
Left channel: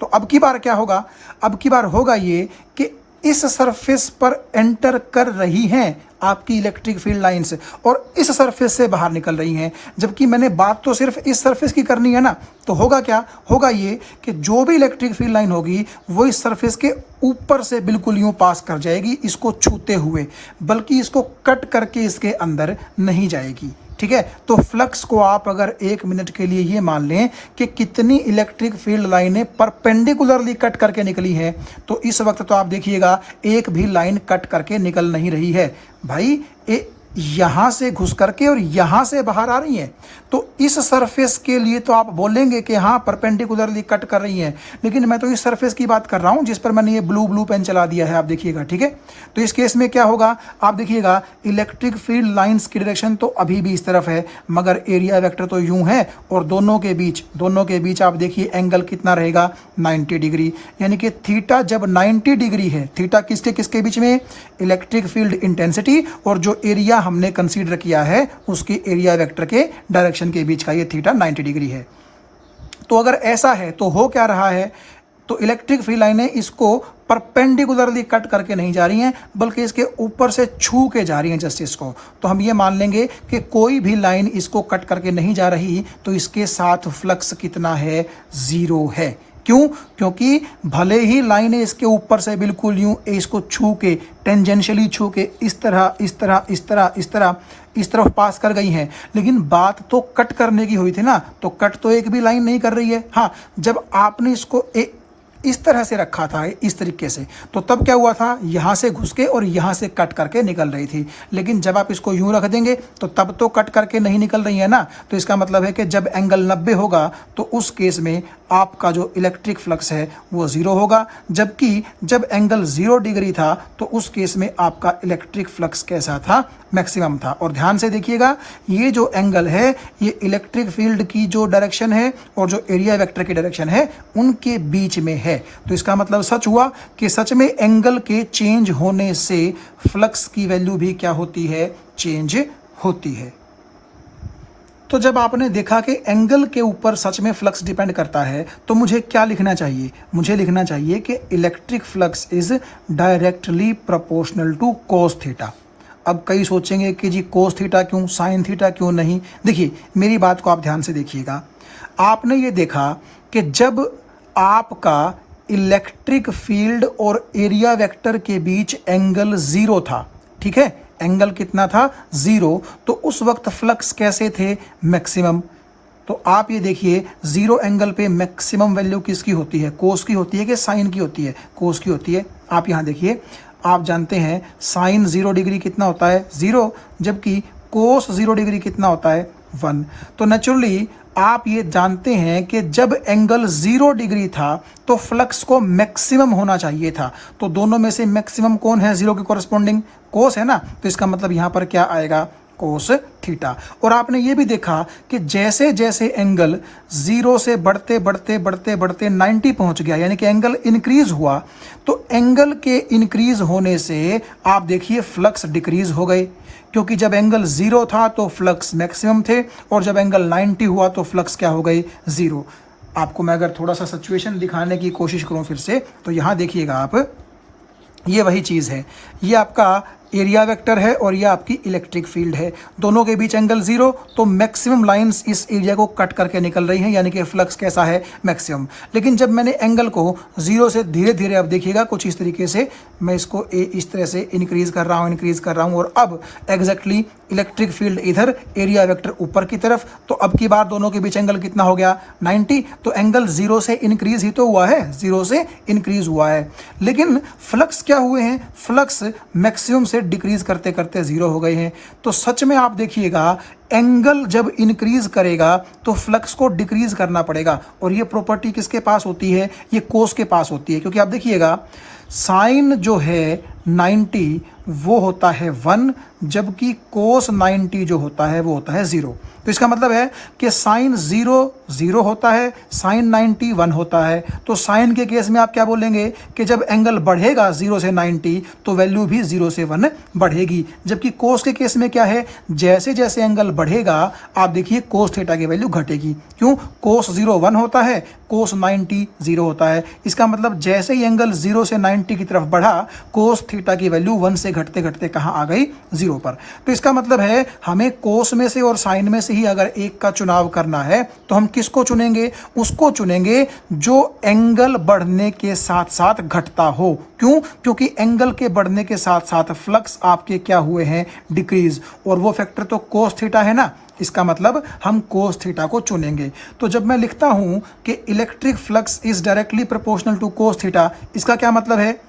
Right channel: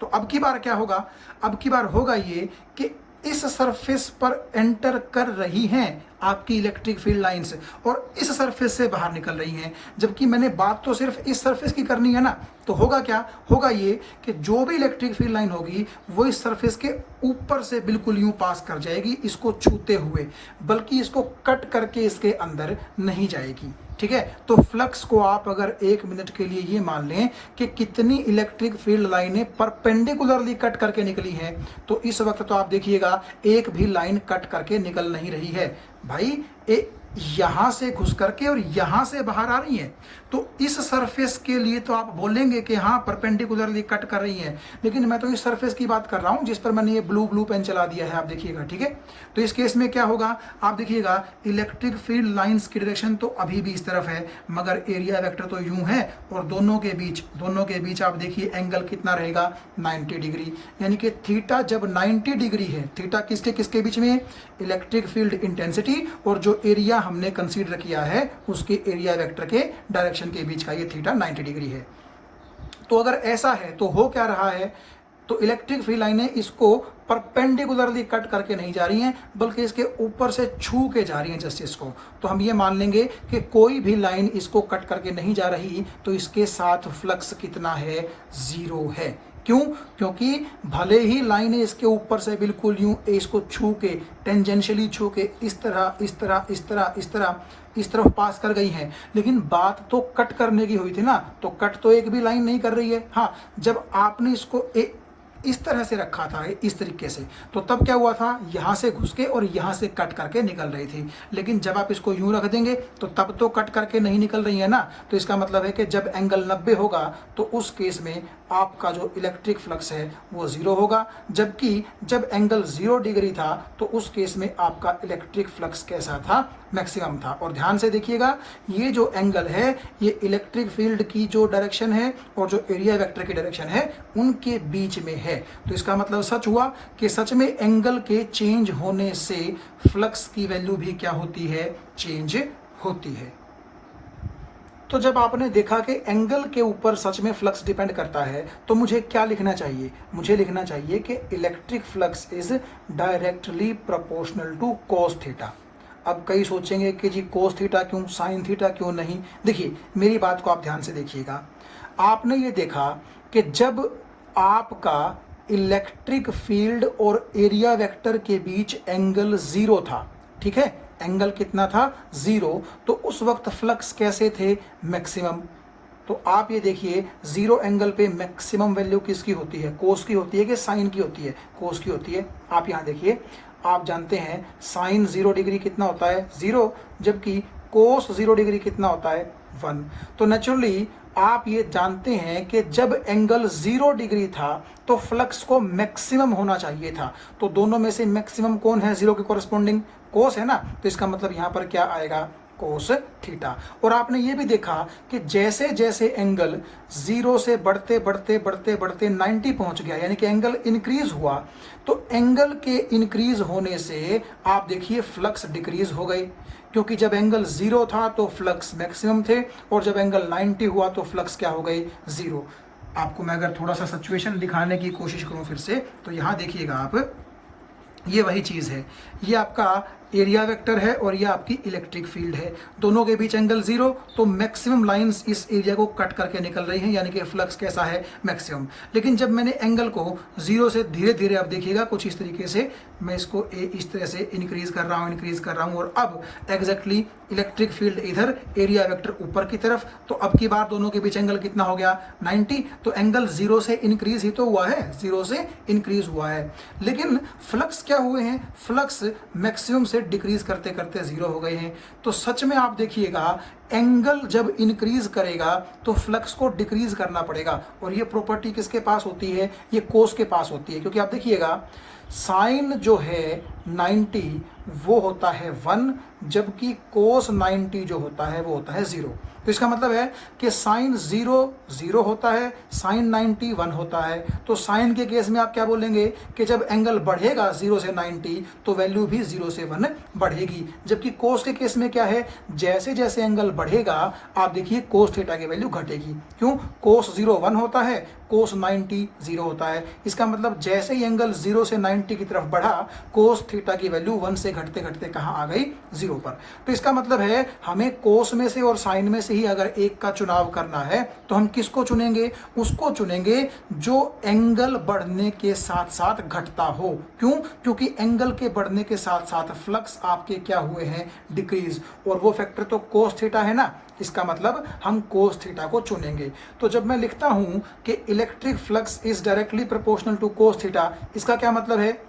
तो अब की बार क्या होगा? अब की बार होगा ये कि इस सरफेस पर एंटर कर रही हैं आपकी इलेक्ट्रिक फील्ड लाइंस और इस सरफेस से बाहर निकल रही हैं, जबकि मैंने बात तो सिर्फ इस सरफेस की करनी है ना। तो होगा क्या? होगा ये कि जो भी इलेक्ट्रिक फील्ड लाइन होगी वो इस सरफेस के ऊपर से बिल्कुल यूं पास कर जाएगी, इसको छूते हुए, बल्कि इसको कट करके इसके अंदर नहीं जाएगी। ठीक है, तो फ्लक्स को आप अगर 1 मिनट के लिए ये मान लें कि कितनी इलेक्ट्रिक फील्ड लाइनें परपेंडिकुलरली कट करके निकली हैं, तो इस वक्त तो आप देखिएगा एक भी लाइन कट करके निकल नहीं रही है भाई, यहां से घुस करके और यहां से बाहर आ रही हैं। तो इस सरफेस के लिए तो आप बोलेंगे कि हाँ परपेंडिकुलरली कट कर रही हैं, लेकिन मैं तो इस सरफेस की बात कर रहा हूं जिस पर मैंने ये ब्लू पेन चला दिया है, आप देखिएगा। ठीक है, तो इस केस में क्या होगा आप देखिएगा, इलेक्ट्रिक फील्ड लाइंस की डायरेक्शन तो अभी भी इस तरफ है, मगर एरिया वेक्टर तो यूं है और दोनों के बीच आप देखिए एंगल कितना रहेगा, 90 डिग्री। यानी कि थीटा जब 90 डिग्री है, थीटा किसके किसके बीच में? इलेक्ट्रिक फील्ड इंटेंसिटी और जो एरिया हमने कंसीडर किया है उसके एरिया वेक्टर के डायरेक्शन के बीच का ये थीटा 90 डिग्री है। तो अगर ऐसा है तो हो क्या रहा है? तो इलेक्ट्रिक फील्ड लाइनें इसको परपेंडिकुलरली कट करके नहीं जा रही हैं, बल्कि इसके ऊपर से छू के जा रही हैं जस्ट इसको। तो हम ये मान लेंगे कि कोई भी लाइन इसको कट करके नहीं जा रही, तो इसके साथ फ्लक्स कितना है? 0 है। क्यों? क्योंकि भले ही लाइनें इसके ऊपर से बिल्कुल यूं इसको छू के, टेंजेंशियली छू के इस तरफ पास कर गई हैं, लेकिन बात तो कट करने की हुई थी ना, तो कट तो एक भी लाइन नहीं कर रही है। हाँ, जब आपने इसको इस तरह से रखा था, इस तरीके से, तो तब क्या हुआ था? यहाँ से घुस के और यहाँ से कट करके निकल रही थी। लेकिन जब आप इसको यूं रख देंगे तो तब तो कट करके नहीं निकल रही है ना। तो इसका मतलब है कि जब एंगल 90 होगा तो उस केस में आपका जो इलेक्ट्रिक फ्लक्स है वो 0 होगा, जबकि जब एंगल 0 डिग्री था तो उस केस में आपका इलेक्ट्रिक फ्लक्स कैसा था? मैक्सिमम था। और ध्यान से देखिएगा, ये जो एंगल है ये इलेक्ट्रिक फील्ड की जो डायरेक्शन है और जो एरिया वेक्टर की डायरेक्शन है उनके बीच में है। तो इसका मतलब सच हुआ कि सच में एंगल के चेंज होने से फ्लक्स की वैल्यू भी क्या होती है? चेंज होती है। तो जब आपने देखा कि एंगल के ऊपर सच में फ्लक्स डिपेंड करता है, तो मुझे क्या लिखना चाहिए? मुझे लिखना चाहिए कि electric flux is directly proportional to cos theta. अब कई सोचेंगे कि जी कोस थीटा क्यों, साइन थीटा क्यों नहीं। देखिए मेरी बात को आप ध्यान से देखिएगा। आपने ये देखा कि जब आपका इलेक्ट्रिक फील्ड और एरिया वेक्टर के बीच एंगल 0 था, ठीक है, एंगल कितना था 0, तो उस वक्त फ्लक्स कैसे थे, मैक्सिमम। तो आप ये देखिए 0 एंगल पे मैक्सिमम वैल्यू किसकी होती है, कोस की होती है कि साइन की होती है, कोस की होती है। आप यहाँ देखिए, आप जानते हैं साइन 0 डिग्री कितना होता है 0, जबकि कोस 0 डिग्री कितना होता है 1। तो नेचुरली आप ये जानते हैं कि जब एंगल 0 डिग्री था तो फ्लक्स को मैक्सिमम होना चाहिए था। तो दोनों में से मैक्सिमम कौन है, 0 के कॉरस्पॉन्डिंग कोस है ना, तो इसका मतलब यहाँ पर क्या आएगा, कोस थीटा। और आपने ये भी देखा कि जैसे जैसे एंगल 0 से बढ़ते बढ़ते बढ़ते बढ़ते 90 पहुंच गया, यानी कि एंगल इंक्रीज हुआ, तो एंगल के इंक्रीज होने से आप देखिए फ्लक्स डिक्रीज हो गए, क्योंकि जब एंगल 0 था तो फ्लक्स मैक्सिमम थे, और जब एंगल 90 हुआ तो फ्लक्स क्या हो गए, 0। आपको मैं अगर थोड़ा सा सिचुएशन दिखाने की कोशिश करूं फिर से, तो यहां देखिएगा आप, ये वही चीज़ है, ये आपका एरिया वेक्टर है और ये आपकी इलेक्ट्रिक फील्ड है, दोनों के बीच एंगल 0, तो मैक्सिमम लाइंस इस एरिया को कट करके निकल रही हैं, यानी कि फ्लक्स कैसा है, मैक्सिमम। लेकिन जब मैंने एंगल को 0 से धीरे धीरे, आप देखिएगा कुछ इस तरीके से, मैं इसको इस तरह से इंक्रीज कर रहा हूँ, और अब एग्जैक्टली इलेक्ट्रिक फील्ड इधर, एरिया वेक्टर ऊपर की तरफ, तो अब की बार दोनों के बीच एंगल कितना हो गया, 90। तो एंगल 0 से इंक्रीज ही तो हुआ है, 0 से इंक्रीज हुआ है, लेकिन फ्लक्स क्या हुए हैं, फ्लक्स मैक्सिमम से डिक्रीज करते करते 0 हो गए हैं। तो सच में आप देखिएगा, एंगल जब इंक्रीज करेगा तो फ्लक्स को डिक्रीज करना पड़ेगा, और ये प्रॉपर्टी किसके पास होती है, ये कोस के पास होती है। क्योंकि आप देखिएगा साइन जो है 90 वो होता है 1, जबकि कोस 90 जो होता है वो होता है 0। तो इसका मतलब है कि साइन 0 0 होता है, साइन 90 1 होता है। तो साइन के केस में आप क्या बोलेंगे कि जब एंगल बढ़ेगा 0 से 90 तो वैल्यू भी 0 से 1 बढ़ेगी, जबकि कोस के केस में क्या है, जैसे जैसे एंगल बढ़ेगा आप देखिए कोस थीटा की वैल्यू घटेगी। क्यों, कोस 0 1 होता है, कोस 90 0 होता है। इसका मतलब जैसे ही एंगल 0 से 90 की तरफ बढ़ा, कोस थीटा की वैल्यू 1 से घटते घटते कहाँ आ गई, 0 पर। तो इसका मतलब है हमें कोस में से और साइन में से ही अगर एक का चुनाव करना है तो हम किसको चुनेंगे, उसको चुनेंगे जो एंगल बढ़ने के साथ साथ घटता हो। क्यों, क्योंकि एंगल के बढ़ने के साथ साथ फ्लक्स आपके क्या हुए हैं, डिक्रीज, और वो फैक्टर तो कोस थीटा है ना, इसका मतलब हम कोस थीटा को चुनेंगे। तो जब मैं लिखता हूं कि electric flux is directly proportional to cos theta, इसका क्या मतलब है,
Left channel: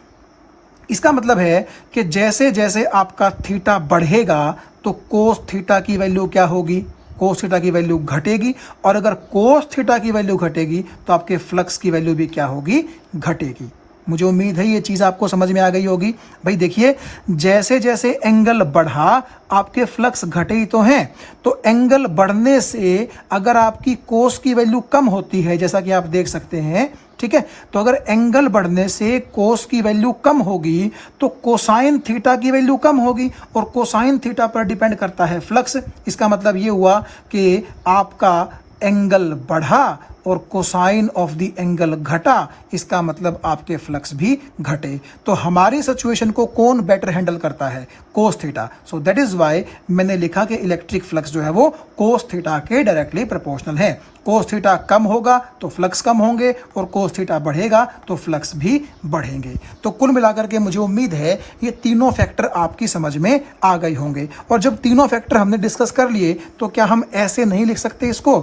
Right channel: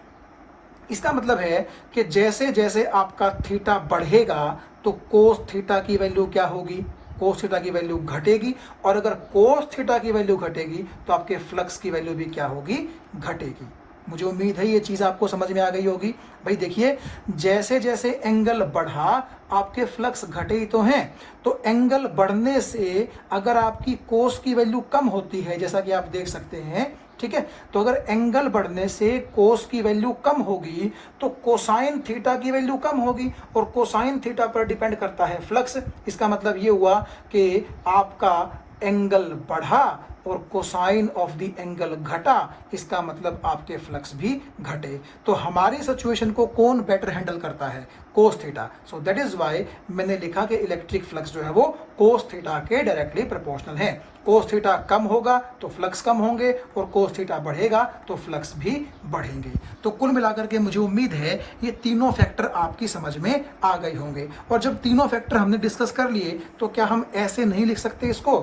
इसका मतलब है कि जैसे जैसे आपका थीटा बढ़ेगा तो कोस थीटा की वैल्यू क्या होगी, कोस थीटा की वैल्यू घटेगी, और अगर कोस थीटा की वैल्यू घटेगी तो आपके फ्लक्स की वैल्यू भी क्या होगी, घटेगी। मुझे उम्मीद है ये चीज़ आपको समझ में आ गई होगी। भाई देखिए, जैसे जैसे एंगल बढ़ा आपके फ्लक्स घटे ही तो हैं, तो एंगल बढ़ने से अगर आपकी कोस की वैल्यू कम होती है, जैसा कि आप देख सकते हैं, ठीक है, तो अगर एंगल बढ़ने से कोस की वैल्यू कम होगी तो कोसाइन थीटा की वैल्यू कम होगी, और कोसाइन थीटा पर डिपेंड करता है फ्लक्स। इसका मतलब ये हुआ कि आपका एंगल बढ़ा और कोसाइन ऑफ द एंगल घटा, इसका मतलब आपके फ्लक्स भी घटे। तो हमारी सिचुएशन को कौन बेटर हैंडल करता है, cos theta. So that is why मैंने लिखा कि इलेक्ट्रिक फ्लक्स जो है वो कोस थीटा के डायरेक्टली प्रोपोर्शनल है। कोस थीटा कम होगा तो फ्लक्स कम होंगे, और कोस थीटा बढ़ेगा तो फ्लक्स भी बढ़ेंगे। तो कुल मिलाकर के मुझे उम्मीद है ये तीनों फैक्टर आपकी समझ में आ गए होंगे। और जब तीनों फैक्टर हमने डिस्कस कर लिए तो क्या हम ऐसे नहीं लिख सकते इसको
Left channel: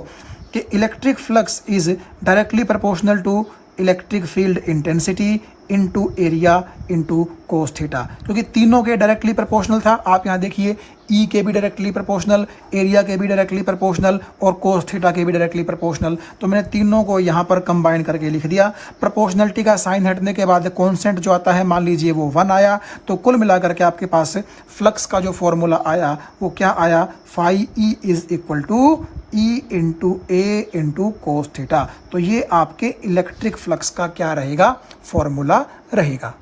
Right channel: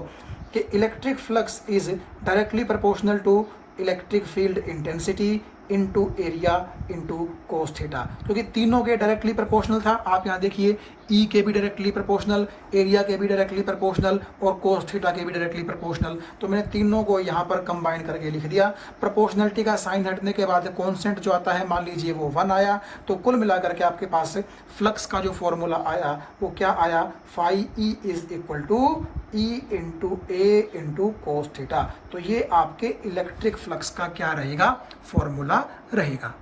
कि electric flux is directly proportional to electric field intensity into area into cos theta, क्योंकि तीनों के डायरेक्टली प्रोपोर्शनल था। आप यहाँ देखिए ई के भी डायरेक्टली प्रोपोर्शनल, एरिया के भी डायरेक्टली प्रोपोर्शनल, और कोस थीटा के भी डायरेक्टली प्रोपोर्शनल। तो मैंने तीनों को यहाँ पर कंबाइन करके लिख दिया। प्रोपोर्शनलिटी का साइन हटने के बाद कॉन्स्टेंट जो आता है, मान लीजिए वो 1 आया, तो कुल मिलाकर के आपके पास फ्लक्स का जो फॉर्मूला आया वो क्या आया, phi E is equal to E into A into cos theta. तो ये आपके इलेक्ट्रिक फ्लक्स का क्या रहेगा, फॉर्मूला रहेगा।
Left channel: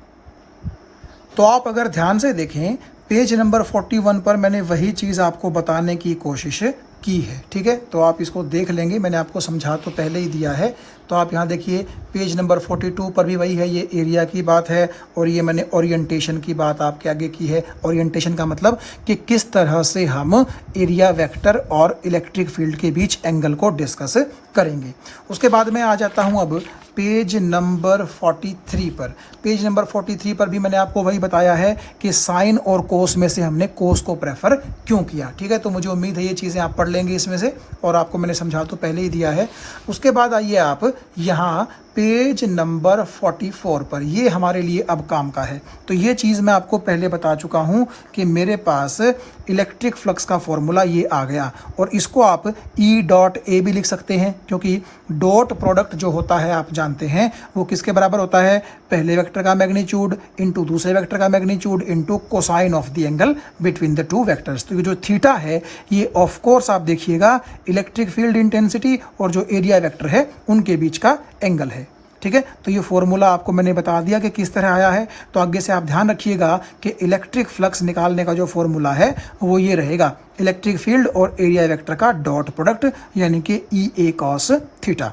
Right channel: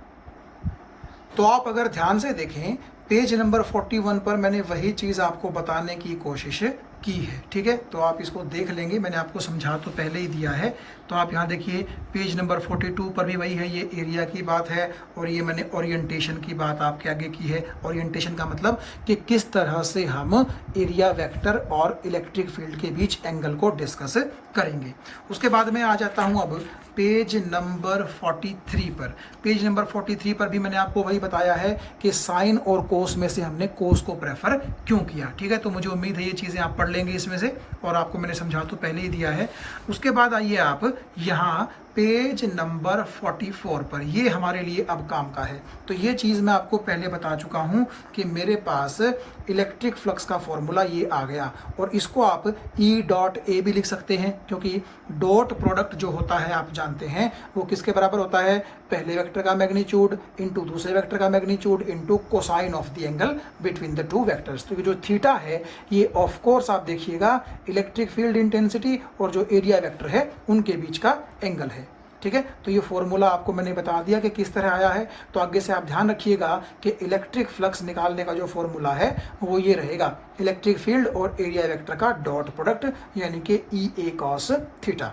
तो आप अगर ध्यान से देखें पेज नंबर 41 पर मैंने वही चीज़ आपको बताने की कोशिश की है। ठीक है, तो आप इसको देख लेंगे, मैंने आपको समझा तो पहले ही दिया है। तो आप यहाँ देखिए पेज नंबर 42 पर भी वही है, ये एरिया की बात है और ये मैंने ओरिएंटेशन की बात आपके आगे की है। ओरिएंटेशन का मतलब कि किस तरह से हम एरिया वेक्टर और इलेक्ट्रिक फील्ड के बीच एंगल को डिस्कस करेंगे। उसके बाद मैं आ जाता हूँ अब पेज नंबर 43 पर। पेज नंबर 43 पर भी मैंने आपको वही बताया है कि साइन और कोस में से हमने कोस को प्रेफर क्यों किया। ठीक है, तो मुझे उम्मीद है ये चीज़ें आप पढ़ लेंगे इसमें से, और आपको मैंने समझा तो पहले ही दिया है। उसके बाद आइए आप यहाँ पेज नंबर 44 पर, ये हमारे लिए अब काम का है। तो ये चीज़ मैं आपको पहले बता चुका हूँ कि मेरे पास इलेक्ट्रिक फ्लक्स का फॉर्मूला ये आ गया, और इसको आप ई डॉट ए भी लिख सकते हैं, क्योंकि डॉट प्रोडक्ट जो होता है आप जानते हैं वो किसके बराबर होता है, पहले वेक्टर का मैग्नीट्यूड इंटू दूसरे वेक्टर का magnitude into cosine of the angle between the two vectors. तो ये जो थीटा है ये ऑफ कोर्स आप देखिएगा इलेक्ट्रिक फील्ड इंटेंसिटी और जो एरिया वेक्टर है उनके बीच का एंगल है। ठीक है, तो ये फॉर्मूला आपको मैंने बता दिया कि किस तरह आया है। तो आगे से आप ध्यान रखिएगा कि इलेक्ट्रिक फ्लक्स निकालने का जो फॉर्मूला है वो ये रहेगा, इलेक्ट्रिक फील्ड और एरिया वेक्टर का डॉट प्रोडक्ट, यानी कि ई ए कॉस थीटा।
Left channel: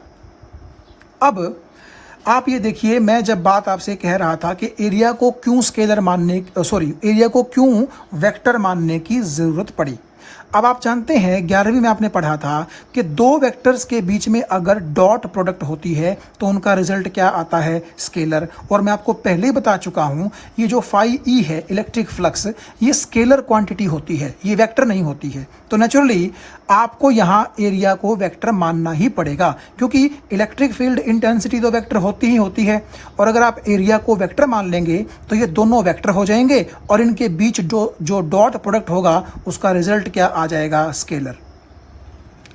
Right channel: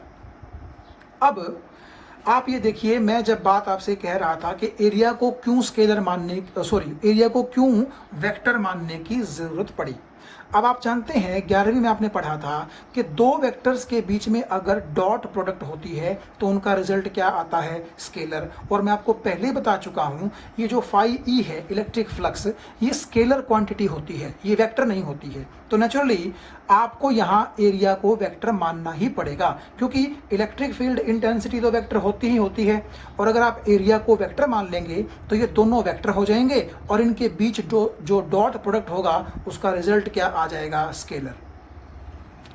अब आप ये देखिए, मैं जब बात आपसे कह रहा था कि एरिया को क्यों स्केलर मानने एरिया को क्यों वेक्टर मानने की ज़रूरत पड़ी। अब आप जानते हैं 11वीं में आपने पढ़ा था कि दो वेक्टर्स के बीच में अगर डॉट प्रोडक्ट होती है तो उनका रिजल्ट क्या आता है, स्केलर। और मैं आपको पहले ही बता चुका हूं ये जो फाई ई है इलेक्ट्रिक फ्लक्स, ये स्केलर क्वांटिटी होती है, ये वेक्टर नहीं होती है। तो नेचुरली आपको यहाँ एरिया को वेक्टर मानना ही पड़ेगा, क्योंकि इलेक्ट्रिक फील्ड इंटेंसिटी तो वेक्टर होती ही होती है, और अगर आप एरिया को वेक्टर मान लेंगे तो ये दोनों वेक्टर हो जाएंगे और इनके बीच जो डॉट प्रोडक्ट होगा उसका रिजल्ट क्या आ जाएगा, स्केलर।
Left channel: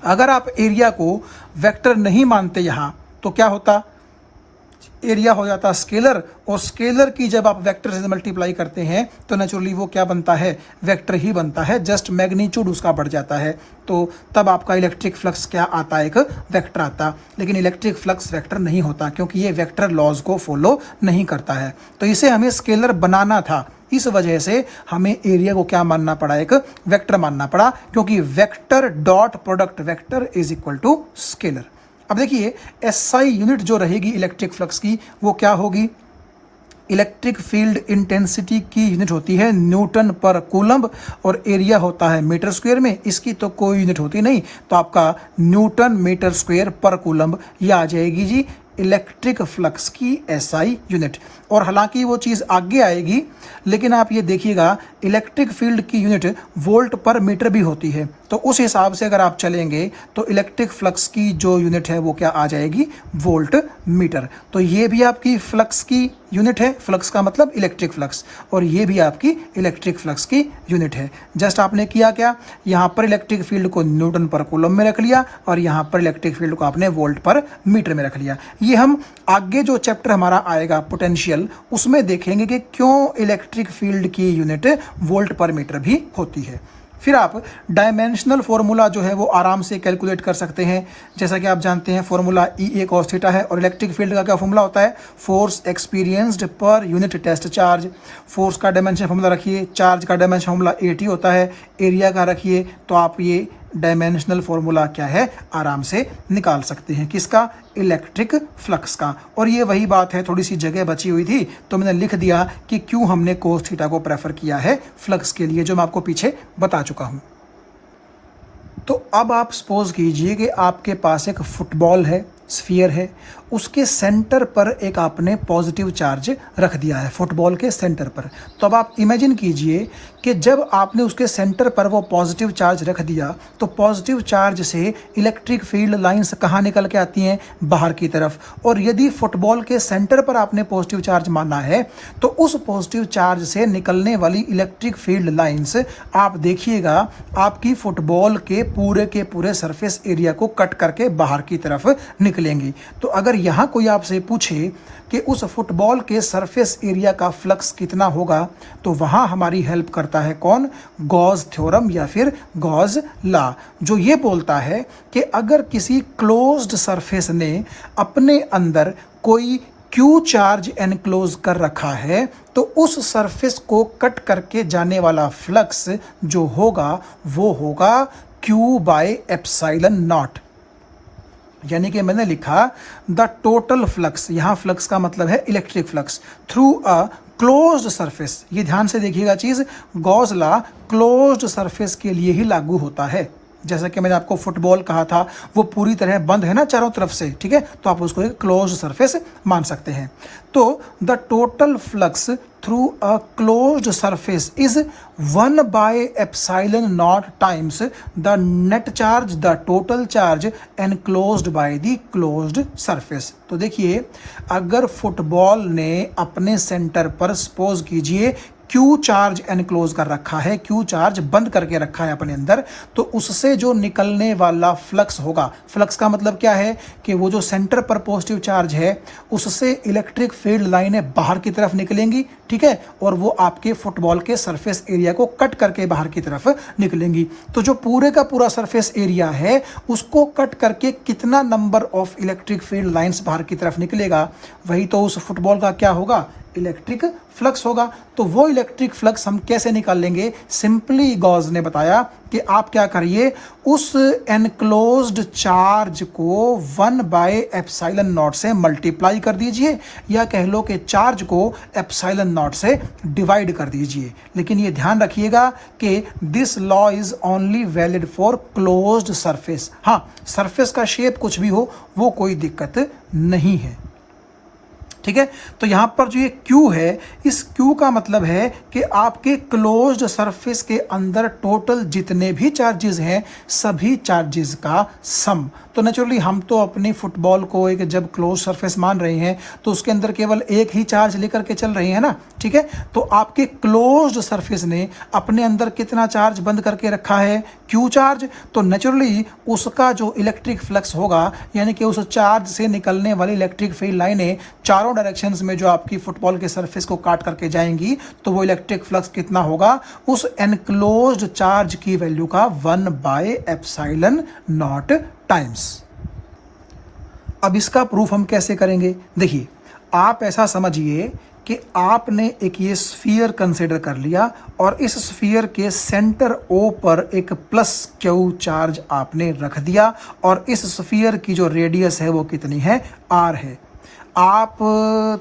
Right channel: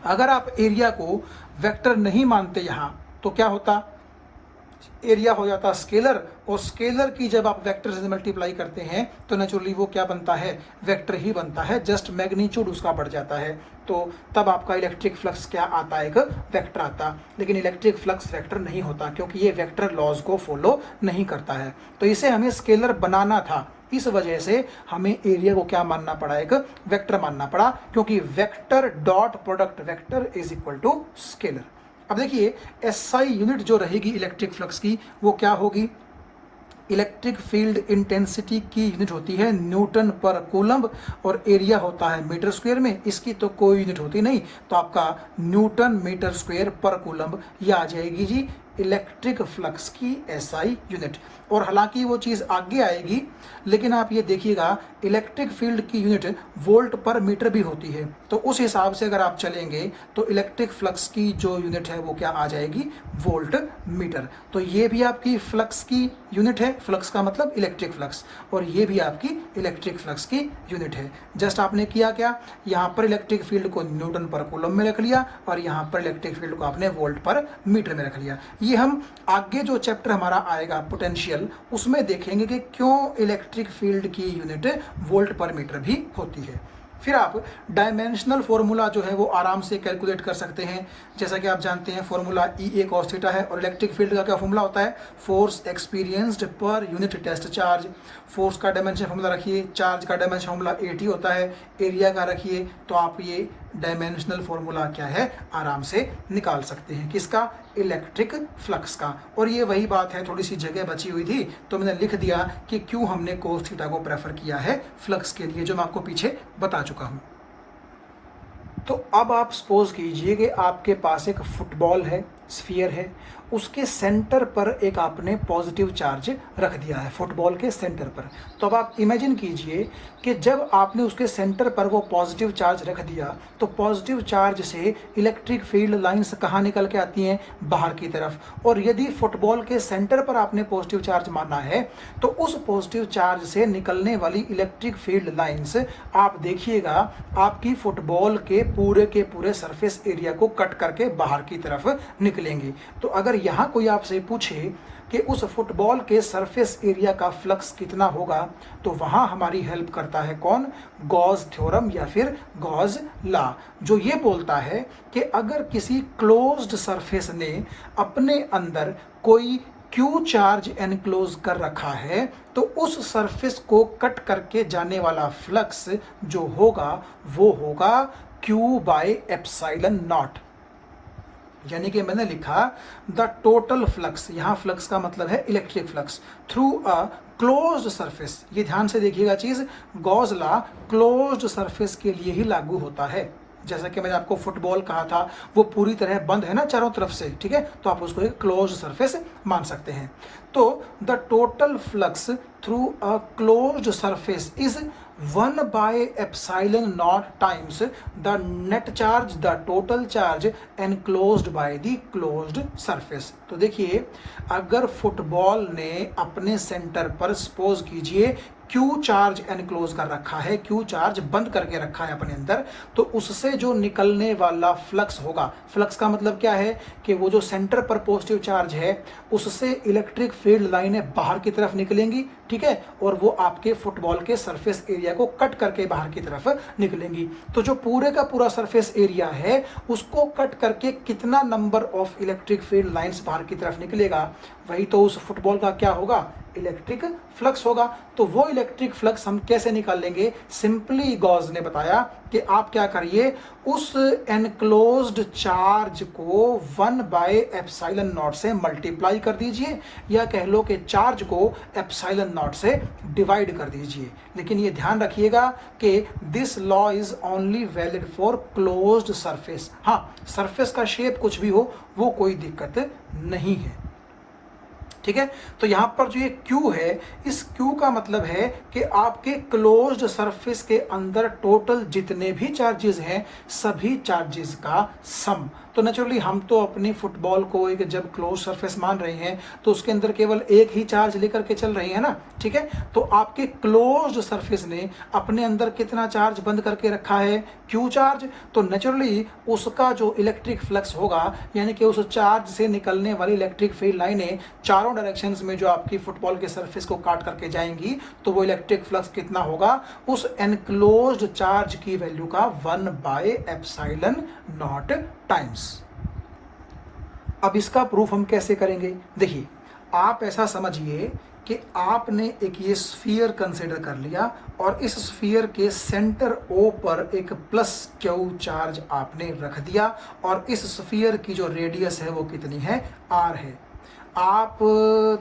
अगर आप एरिया को वेक्टर नहीं मानते यहाँ तो क्या होता, एरिया हो जाता स्केलर, और स्केलर की जब आप वेक्टर से मल्टीप्लाई करते हैं तो नेचुरली वो क्या बनता है, वेक्टर ही बनता है, जस्ट मैग्नीट्यूड उसका बढ़ जाता है। तो तब आपका इलेक्ट्रिक फ्लक्स क्या आता है, एक वेक्टर आता। लेकिन इलेक्ट्रिक फ्लक्स वेक्टर नहीं होता, क्योंकि ये वेक्टर लॉज को फॉलो नहीं करता है। तो इसे हमें स्केलर बनाना था, इस वजह से हमें एरिया को क्या मानना पड़ा, एक वेक्टर मानना पड़ा, क्योंकि vector dot product vector is equal to scalar. अब देखिए एसआई यूनिट जो रहेगी इलेक्ट्रिक फ्लक्स की वो क्या होगी, इलेक्ट्रिक फील्ड इंटेंसिटी की यूनिट होती है न्यूटन पर कूलम्ब, और एरिया होता है मीटर स्क्वायर में, इसकी तो कोई यूनिट होती नहीं, तो आपका न्यूटन मीटर स्क्वायर पर कूलम्ब ये आ जाएगी जी इलेक्ट्रिक फ्लक्स की एसआई यूनिट। और हालांकि वो चीज़ आगे आएगी, लेकिन आप ये देखिएगा इलेक्ट्रिक फील्ड की यूनिट वोल्ट पर मीटर भी होती है, तो उस हिसाब से अगर आप चलेंगे तो इलेक्ट्रिक फ्लक्स की जो यूनिट है वो क्या आ जाएगी, वोल्ट मीटर। तो ये भी आपकी फ्लक्स की यूनिट है, फ्लक्स का मतलब इलेक्ट्रिक फ्लक्स, और ये भी आपकी इलेक्ट्रिक फ्लक्स की यूनिट है। जस्ट आपने किया क्या, यहाँ पर इलेक्ट्रिक फील्ड को न्यूटन पर कूलम में रख लिया और यहाँ पर इलेक्ट्रिक फील्ड को आपने वोल्ट पर मीटर में रख लिया। ये हम आगे जो चैप्टर हमारा आएगा पोटेंशियल, उसमें देखेंगे कि क्यों इलेक्ट्रिक फील्ड की यूनिट वोल्ट पर मीटर भी होती है। फिर आप डायमेंशनल फॉर्मूला जो है वो आराम से कैलकुलेट कर सकते हैं। जैसा कि आप जानते हैं formula E A cos theta है, और इलेक्ट्रिक फील्ड का क्या फॉर्मूला होता है, फोर्स एक्सपीरियंस्ड पर यूनिट टेस्ट चार्ज। फोर्स का डायमेंशन फॉर्मूला रखिए, चार्ज का डायमेंशन फॉर्मूला एटी होता है, एरिया का रखिए, तो आप ये डायमेंशनल फॉर्मूला क्या है आराम से निकाल सकते हैं, किसका, इलेक्ट्रिक फ्लक्स का। और ये वही बात है, थोड़ी सी जगह बची हुई थी तो मैंने लिख दिया कि क्यों हमने कोस थीटा को प्रेफर किया है फ्लक्स के लिए, जो मैं आपको पीछे बता चुका हूं। तो अब आप सपोज कीजिए कि आपके पास एक फुटबॉल है, स्फीयर है, उसके सेंटर पर एक आपने पॉजिटिव चार्ज रख दिया है, फुटबॉल के सेंटर पर। तो अब आप इमेजिन कीजिए कि जब आपने उसके सेंटर पर वो पॉजिटिव चार्ज रख दिया तो पॉजिटिव चार्ज से इलेक्ट्रिक फील्ड लाइंस कहाँ निकल के आती हैं, बाहर की तरफ। और यदि फुटबॉल के सेंटर पर आपने पॉजिटिव चार्ज माना है तो उस पॉजिटिव चार्ज से निकलने वाली इलेक्ट्रिक फील्ड लाइंस आप देखिएगा आपकी फुटबॉल के पूरे सरफेस एरिया को कट करके बाहर की तरफ निकलेंगी। तो अगर यहाँ कोई आपसे पूछे कि उस फुटबॉल के सरफेस एरिया का फ्लक्स कितना होगा, तो वहाँ हमारी हेल्प करता है कौन, गॉस थ्योरम या फिर गॉस लॉ, जो ये बोलता है कि अगर किसी क्लोज्ड सरफेस ने अपने अंदर कोई क्यू चार्ज एनक्लोज कर रखा है तो उस सरफेस को कट करके जाने वाला फ्लक्स जो होगा वो होगा Q बाय एप्सिलॉन नॉट। यानी कि मैंने लिखा द टोटल फ्लक्स, यहाँ फ्लक्स का मतलब है electric flux, through a closed surface. ये ध्यान से देखिएगा चीज, गॉस लॉ क्लोज्ड सरफेस के लिए ही लागू होता है। जैसा कि मैंने आपको फुटबॉल कहा था, वो पूरी तरह बंद है ना चारों तरफ से, ठीक है, तो आप उसको एक क्लोज्ड सरफेस मान सकते हैं। तो the total flux through a closed surface is 1 by epsilon not times the net charge, the total charge enclosed by the closed surface. तो देखिए, अगर फुटबॉल ने अपने सेंटर पर सपोज कीजिए क्यू चार्ज एनक्लोज कर रखा है, क्यू चार्ज बंद करके रखा है अपने अंदर, तो उससे जो निकलने वाला फ्लक्स होगा, फ्लक्स का मतलब क्या है कि वो जो सेंटर पर पॉजिटिव चार्ज है उससे इलेक्ट्रिक फील्ड लाइनें बाहर की तरफ निकलेंगी, ठीक है, और वो आपके फुटबॉल के सरफेस एरिया को कट करके बाहर की तरफ निकलेंगी। तो जो पूरे का पूरा सरफेस एरिया है उसको कट करके कितना number of electric field lines बाहर की तरफ निकलेगा, वही तो उस फुटबॉल का क्या होगा, इलेक्ट्रिक फ्लक्स होगा। तो वो इलेक्ट्रिक फ्लक्स हम कैसे निकाल लेंगे, सिंपली गॉस ने बताया कि आप क्या करिए, उस एनक्लोज्ड चार्ज को 1 बाय एप्सिलॉन नॉट से मल्टीप्लाई कर दीजिए, या कह लो कि चार्ज को एप्सिलॉन नॉट से डिवाइड कर दीजिए। लेकिन ये ध्यान रखिएगा कि this law is only valid for closed surface. हाँ, सरफेस का शेप कुछ भी हो वो कोई दिक्कत नहीं है, ठीक है। तो यहां पर जो ये Q है, इस Q का मतलब है कि आपके क्लोज्ड सरफेस के अंदर टोटल जितने भी चार्जेस हैं सभी चार्जेस का सम। तो नेचुरली हम तो अपनी फुटबॉल को एक जब क्लोज सरफेस मान रहे हैं तो उसके अंदर केवल एक ही चार्ज लेकर के चल रहे हैं ना, ठीक है। तो आपके क्लोज्ड सरफेस ने अपने अंदर कितना चार्ज बंद करके रखा है, Q चार्ज। तो नेचुरली उसका जो इलेक्ट्रिक फ्लक्स होगा, यानी कि उस चार्ज से निकलने वाली इलेक्ट्रिक फील्ड लाइनें चारों डायरेक्शंस में जो आपकी फुटबॉल के सरफेस को काट करके जाएंगी, तो वो इलेक्ट्रिक फ्लक्स कितना होगा, उस एनक्लोज्ड चार्ज की वैल्यू का 1 बाय एप्सिलॉन नॉट टाइम्स। अब इसका प्रूफ हम कैसे करेंगे, देखिए, आप ऐसा समझिए कि आपने एक ये स्फीयर कंसिडर कर लिया और इस स्फीयर के सेंटर O पर एक प्लस Q चार्ज आपने रख दिया, और इस स्फीयर की जो रेडियस है वो कितनी है, R है। आप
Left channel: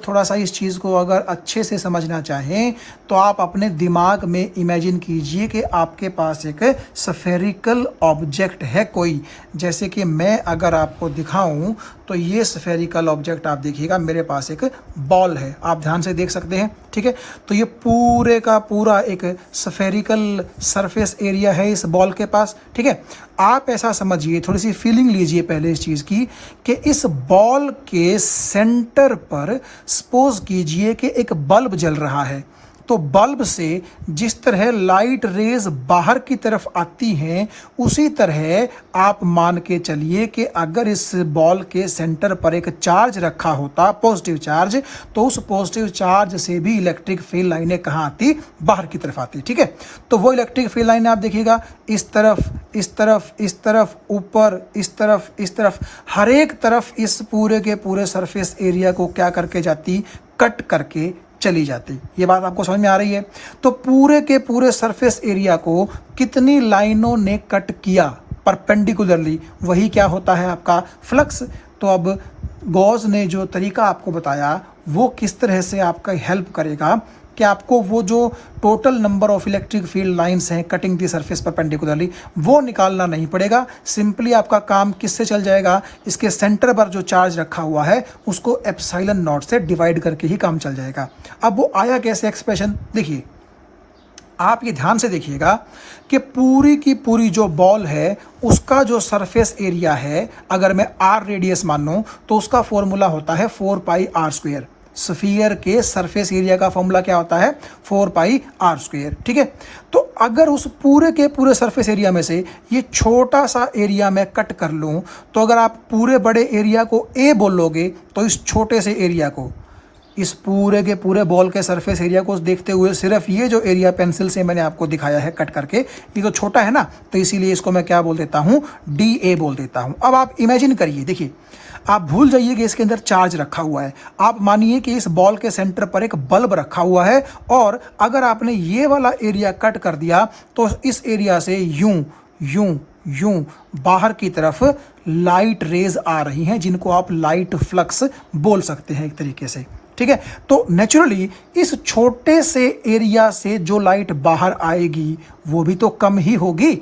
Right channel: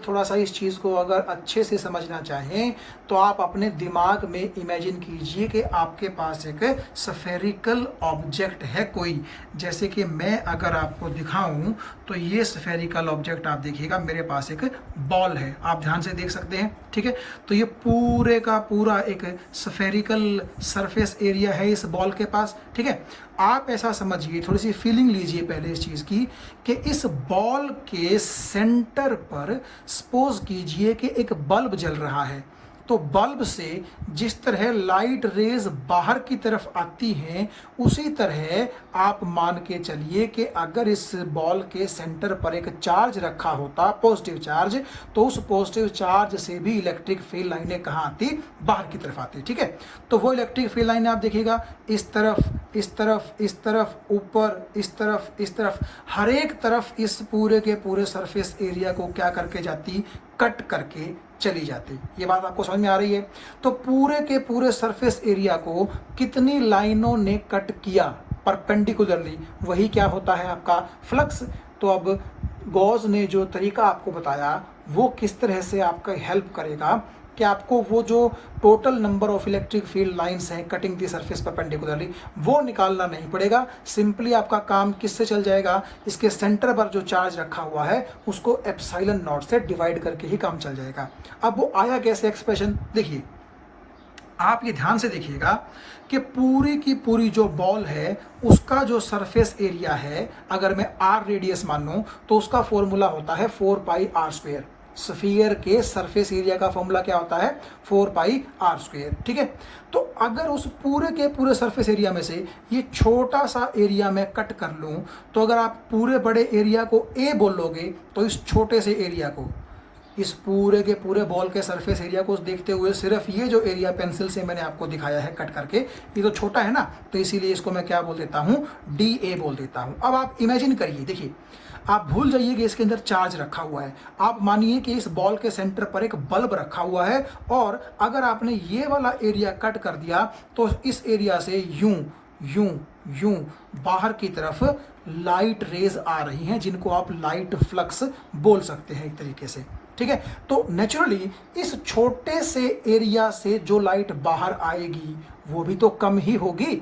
थोड़ा सा इस चीज़ को अगर अच्छे से समझना चाहें तो आप अपने दिमाग में इमेजिन कीजिए कि आपके पास एक स्फेरिकल ऑब्जेक्ट है कोई, जैसे कि मैं अगर आपको दिखाऊं तो ये स्फेरिकल ऑब्जेक्ट आप देखिएगा, मेरे पास एक बॉल है, आप ध्यान से देख सकते हैं, ठीक है। तो ये पूरे का पूरा एक स्फेरिकल सरफेस एरिया है इस बॉल के पास, ठीक है। आप ऐसा समझिए, थोड़ी सी फीलिंग लीजिए पहले इस चीज़ की कि इस बॉल के सेंटर पर सपोज कीजिए कि एक बल्ब जल रहा है। तो बल्ब से जिस तरह लाइट रेज बाहर की तरफ आती हैं, उसी तरह आप मान के चलिए कि अगर इस बॉल के सेंटर पर एक चार्ज रखा होता, पॉजिटिव चार्ज, तो उस पॉजिटिव चार्ज से भी इलेक्ट्रिक फील्ड लाइनें कहाँ आती, बाहर की तरफ आती, ठीक है। तो वो इलेक्ट्रिक फील्ड लाइनें आप देखिएगा, इस तरफ, इस तरफ, इस तरफ, ऊपर, इस तरफ, इस तरफ, हर एक तरफ इस पूरे के पूरे सरफेस एरिया को क्या करके जाती, कट करके चली जाती। ये बात आपको समझ में आ रही है। तो पूरे के पूरे सरफेस एरिया को कितनी लाइनों ने कट किया परपेंडिकुलरली, वही क्या होता है आपका फ्लक्स। तो अब गॉस ने जो तरीका आपको बताया वो किस तरह से आपका हेल्प करेगा कि आपको वो जो total number of electric field lines हैं कटिंग दी सरफेस परपेंडिकुलरली, वो निकालना नहीं पड़ेगा। सिंपली आपका काम किससे चल जाएगा, इसके सेंटर पर जो चार्ज रखा हुआ है उसको एप्सिलॉन नॉट से डिवाइड करके ही काम चल जाएगा। अब वो आया कैसे एक्सप्रेशन, देखिए, आप ये ध्यान से देखिएगा कि पूरी की पूरी जो बॉल है उसका जो सरफेस एरिया है, अगर मैं r रेडियस मान लूँ तो उसका फॉर्मूला होता है 4 पाई r स्क्वायर। स्फीयर के सरफेस एरिया का फॉर्मूला क्या होता है, 4 पाई r स्क्वायर, ठीक है। तो अगर उस पूरे के पूरे सरफेस एरिया में से ये छोटा सा एरिया मैं कट कर लूँ, तो अगर आप पूरे बड़े एरिया को A बोलोगे तो इस छोटे से एरिया को, इस पूरे के पूरे बॉल के सरफेस एरिया को देखते हुए सिर्फ ये जो एरिया पेंसिल से मैंने आपको दिखाया है कट करके, ये तो छोटा है ना, तो इसीलिए इसको मैं क्या बोल देता हूँ, DA बोल देता हूँ। अब आप इमेजिन करिए, देखिए, आप भूल जाइए कि इसके अंदर चार्ज रखा हुआ है, आप मानिए कि इस बॉल के सेंटर पर एक बल्ब रखा हुआ है, और अगर आपने ये वाला एरिया कट कर दिया तो इस एरिया से यूं यूं यूं बाहर की तरफ लाइट रेज आ रही हैं, जिनको आप लाइट फ्लक्स बोल सकते हैं एक तरीके से, ठीक है। तो नेचुरली इस छोटे से एरिया से जो लाइट बाहर आएगी वो भी तो कम ही होगी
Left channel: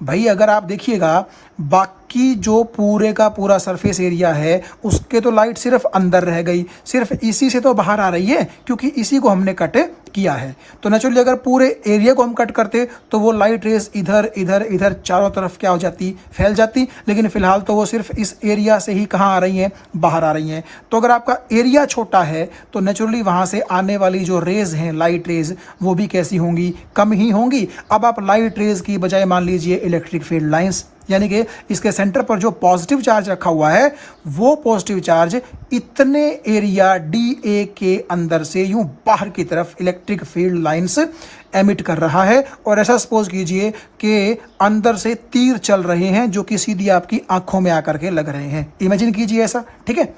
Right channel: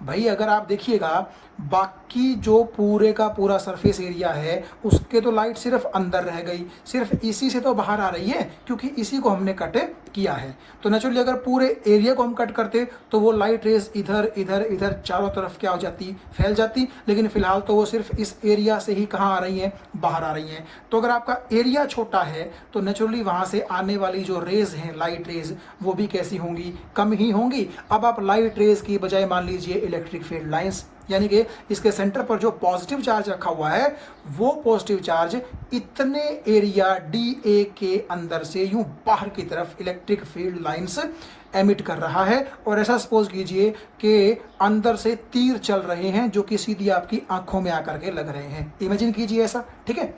भाई। अगर आप देखिएगा बाकी जो पूरे का पूरा सरफेस एरिया है उसके तो लाइट सिर्फ अंदर रह गई, सिर्फ इसी से तो बाहर आ रही है क्योंकि इसी को हमने कट किया है। तो नेचुरली अगर पूरे एरिया को हम कट करते तो वो लाइट रेज इधर इधर इधर चारों तरफ क्या हो जाती, फैल जाती, लेकिन फिलहाल तो वो सिर्फ इस एरिया से ही कहाँ आ रही हैं, बाहर आ रही हैं। तो अगर आपका एरिया छोटा है तो नेचुरली वहाँ से आने वाली जो रेज हैं, लाइट रेज, वो भी कैसी होंगी, कम ही होंगी। अब आप लाइट रेज की बजाय मान लीजिए इलेक्ट्रिक फील्ड लाइंस, यानी कि इसके सेंटर पर जो पॉजिटिव चार्ज रखा हुआ है वो पॉजिटिव चार्ज इतने एरिया DA के अंदर से यूं बाहर की तरफ इलेक्ट्रिक फील्ड लाइंस एमिट कर रहा है। और ऐसा सपोज कीजिए कि अंदर से तीर चल रहे हैं जो कि सीधी आपकी आंखों में आकर के लग रहे हैं। इमेजिन कीजिए ऐसा, ठीक है।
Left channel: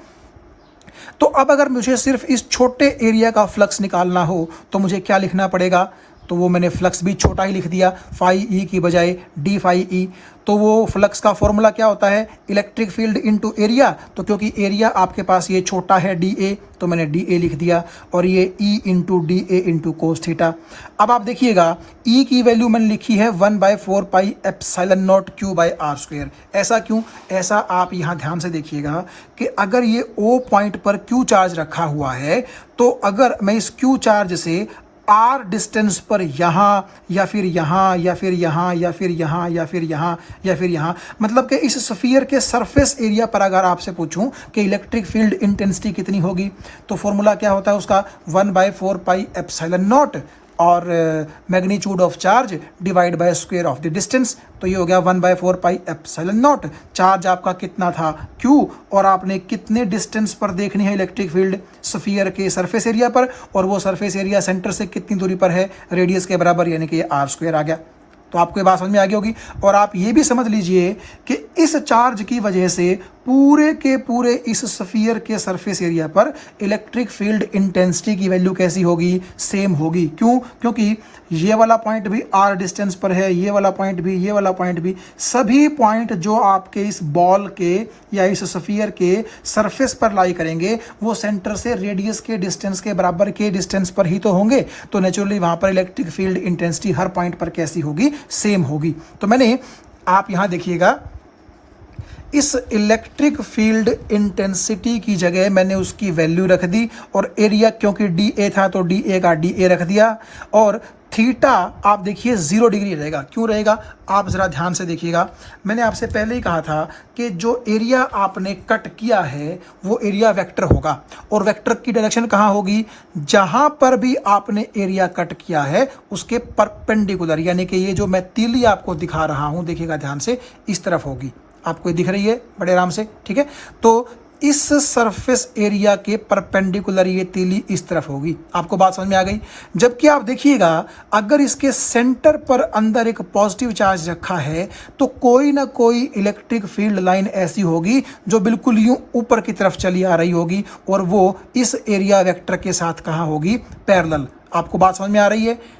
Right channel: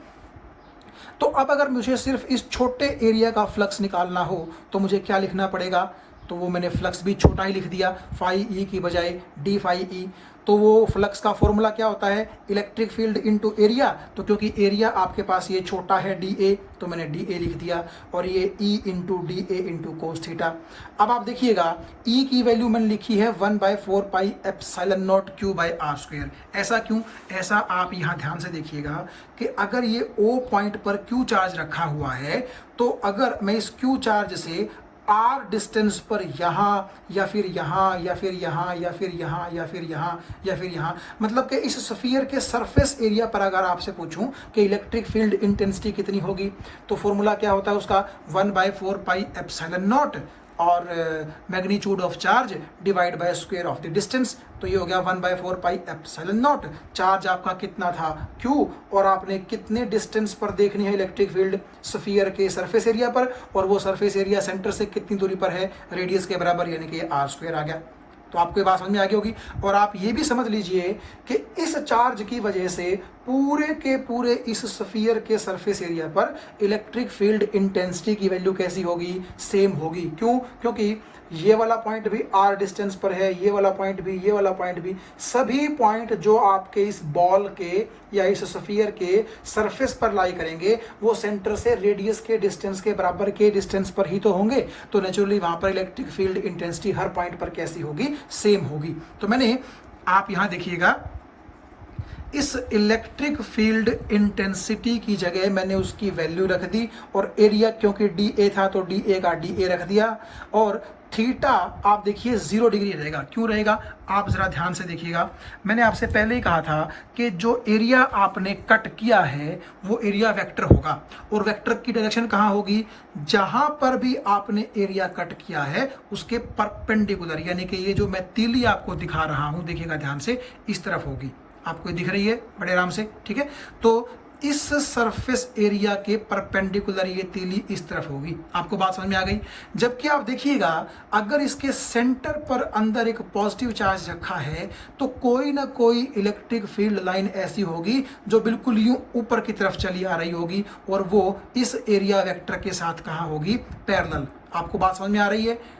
तो अब अगर मुझे सिर्फ इस छोटे एरिया का फ्लक्स निकालना हो तो मुझे क्या लिखना पड़ेगा, तो वो मैंने फ्लक्स भी छोटा ही लिख दिया, फाई ई की बजाय डी फाई ई। तो वो फ्लक्स का फॉर्मूला क्या होता है, इलेक्ट्रिक फील्ड इनटू एरिया। तो क्योंकि एरिया आपके पास ये छोटा है DA, तो मैंने DA लिख दिया, और ये E into DA into cos theta. अब आप देखिएगा E की वैल्यू मैंने लिखी है 1/4 pi epsilon naught Q by R square. ऐसा क्यों, ऐसा आप यहाँ ध्यान से देखिएगा कि अगर ये O पॉइंट पर Q चार्ज रखा हुआ है तो अगर मैं इस Q चार्ज से R डिस्टेंस पर यहाँ या फिर यहाँ या फिर यहाँ या फिर यहाँ या फिर यहाँ या फिर यहाँ, मतलब कि इस स्फीयर के सरफेस एरिया पर अगर आपसे पूछूं कि इलेक्ट्रिक फील्ड इंटेंसिटी कितनी होगी, तो फॉर्मूला क्या होता है उसका, 1/4 पाई एप्सिलॉन नॉट और magnitude of charge divide by square of the distance. तो ये हो गया 1/4 पाई एप्सिलॉन नॉट। चार्ज आपका कितना था Q, और आपने कितने डिस्टेंस पर देखनी है इलेक्ट्रिक फील्ड, स्फीयर के सरफेस एरिया पर, और वो सरफेस एरिया सेंटर से कितनी दूरी पर है, रेडियस के बराबर, यानी कि ये R स्क्वायर आ गया। तो आपको ये बात समझ में आ गई होगी। और आप ये भी समझ लीजिए कि इस चार्ज की वजह से पूरे के पूरे इस स्फीयर के सरफेस एरिया पर इलेक्ट्रिक फील्ड इंटेंसिटी की वैल्यू कैसी होगी, सेम होगी। क्यों, क्योंकि ये वाला पॉइंट भी R डिस्टेंस पर है, ये वाला पॉइंट भी, ये वाला पॉइंट भी, सभी पॉइंट जो आपके इस बॉल के या इस स्फीयर के सरफेस पर लाई करेंगे वो सेंटर से रेडियस के डिस्टेंस के बराबर के डिस्टेंस पर ही तो होंगे। तो नेचुरली वहां पर इलेक्ट्रिक फील्ड इंटेंसिटी हर पॉइंट पर कैसी होगी, सेम होगी। तो मैंने, आप यहां देखिएगा, इस इलेक्ट्रिक फील्ड इंटेंसिटी की जगह मैंने उसकी वैल्यू रख दी, और एरिया क्योंकि DA था तो DA का DA रख दिया, और थीटा आप देखिए 0 डिग्री रहेगा। क्यों रहेगा, आप ज़रा ध्यान से देखिएगा। मैंने आपसे पहले ही कहा था कि जो एरिया आपने कट किया है वो एरिया वेक्टर होगा, और वेक्टर की डायरेक्शन कहाँ होगी, जहाँ पर भी आपने एरिया कट किया है उसके परपेंडिकुलर, यानी कि ये जो मैं तीली आपको दिखा रहा हूँ, देखिएगा ध्यान से, इस तरफ होगी। आपको दिख रही है बड़े आराम से, ठीक है। तो इस सरफेस एरिया के परपेंडिकुलर ये तीली इस तरफ होगी। आपको बात समझ में आ गई। जबकि आप देखिएगा अगर इसके सेंटर पर अंदर एक पॉजिटिव चार्ज रखा है तो कोई ना कोई इलेक्ट्रिक फील्ड लाइन ऐसी होगी जो बिल्कुल यूं ऊपर की तरफ चली आ रही होगी, और वो इस एरिया वेक्टर के साथ कहाँ होगी, पैरेलल। आपको बात समझ में आ रही है।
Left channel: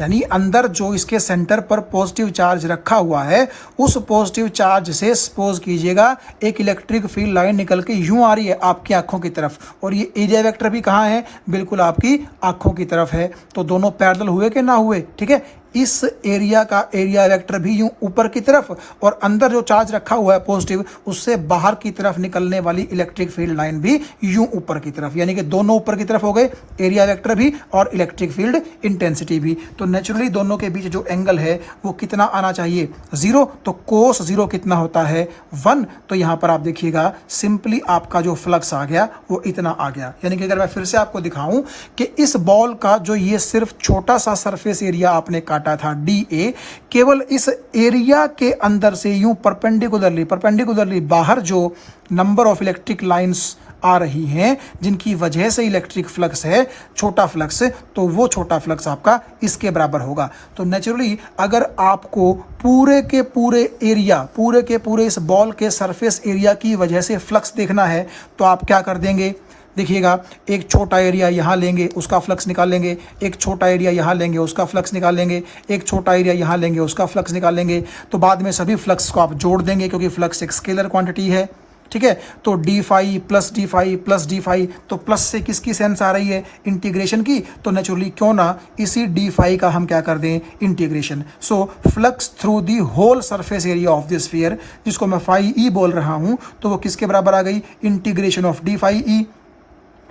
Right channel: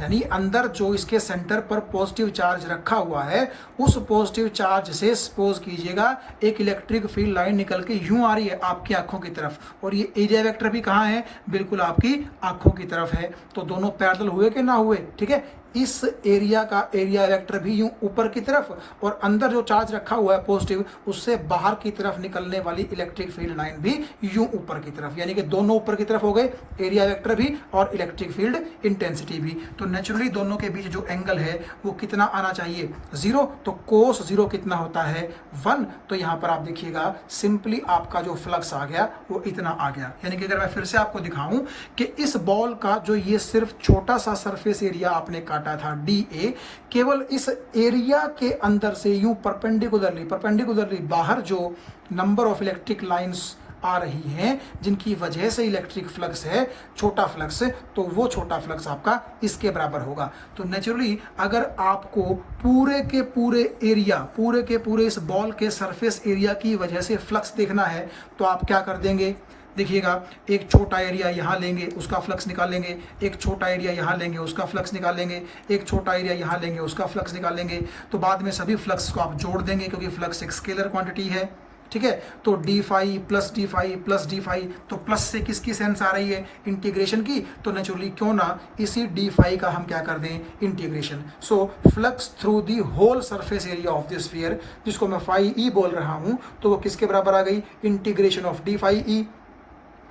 यानी अंदर जो इसके सेंटर पर पॉजिटिव चार्ज रखा हुआ है उस पॉजिटिव चार्ज से सपोज कीजिएगा एक इलेक्ट्रिक फील्ड लाइन निकल के यूं आ रही है आपकी आंखों की तरफ, और ये एरिया वेक्टर भी कहाँ है, बिल्कुल आपकी आंखों की तरफ है। तो दोनों पैरेलल हुए कि ना हुए, ठीक है। इस एरिया का एरिया वेक्टर भी यूं ऊपर की तरफ, और अंदर जो चार्ज रखा हुआ है पॉजिटिव उससे बाहर की तरफ निकलने वाली इलेक्ट्रिक फील्ड लाइन भी यूं ऊपर की तरफ, यानी कि दोनों ऊपर की तरफ हो गए, एरिया वेक्टर भी और इलेक्ट्रिक फील्ड इंटेंसिटी भी। तो नेचुरली दोनों के बीच जो एंगल है वो कितना आना चाहिए, 0। तो कोस 0 कितना होता है, 1। तो यहां पर आप देखिएगा सिंपली आपका जो फ्लक्स आ गया वो इतना आ गया। यानी कि अगर मैं फिर से आपको दिखाऊं कि इस बॉल का जो ये सिर्फ छोटा सा सरफेस एरिया आपने काटा था DA, केवल इस एरिया के अंदर से यूं परपेंडिकुलरली बाहर जो नंबर ऑफ इलेक्ट्रिक लाइंस आ रही हैं जिनकी वजह से इलेक्ट्रिक फ्लक्स है छोटा फ्लक्स, तो वो छोटा फ्लक्स आपका इसके बराबर होगा। तो नेचुरली अगर आपको पूरे के पूरे इस बॉल के सरफेस एरिया की वजह से फ्लक्स देखना है तो आप क्या कर देंगे, देखिएगा, एक छोटा एरिया यहाँ लेंगे, उसका फ्लक्स निकालेंगे, एक छोटा एरिया यहाँ लेंगे, उसका फ्लक्स निकालेंगे, एक छोटा एरिया यहाँ लेंगे, उसका फ्लक्स निकालेंगे, तो बाद में सभी फ्लक्स को आप जोड़ देंगे क्योंकि फ्लक्स एक स्केलर क्वांटिटी है, ठीक है। तो D phi plus D phi plus D phi, तो प्लस से किसकी सेंस आ रही है, इंटीग्रेशन की, तो नेचुरली क्यों ना इसी डी फाई का हम क्या कर दें, integration. So flux through the whole surface area of the sphere, जिसको मैं फाई ई बोल रहा हूं, तो वो किसके बराबर आ गई, integration of d phi E,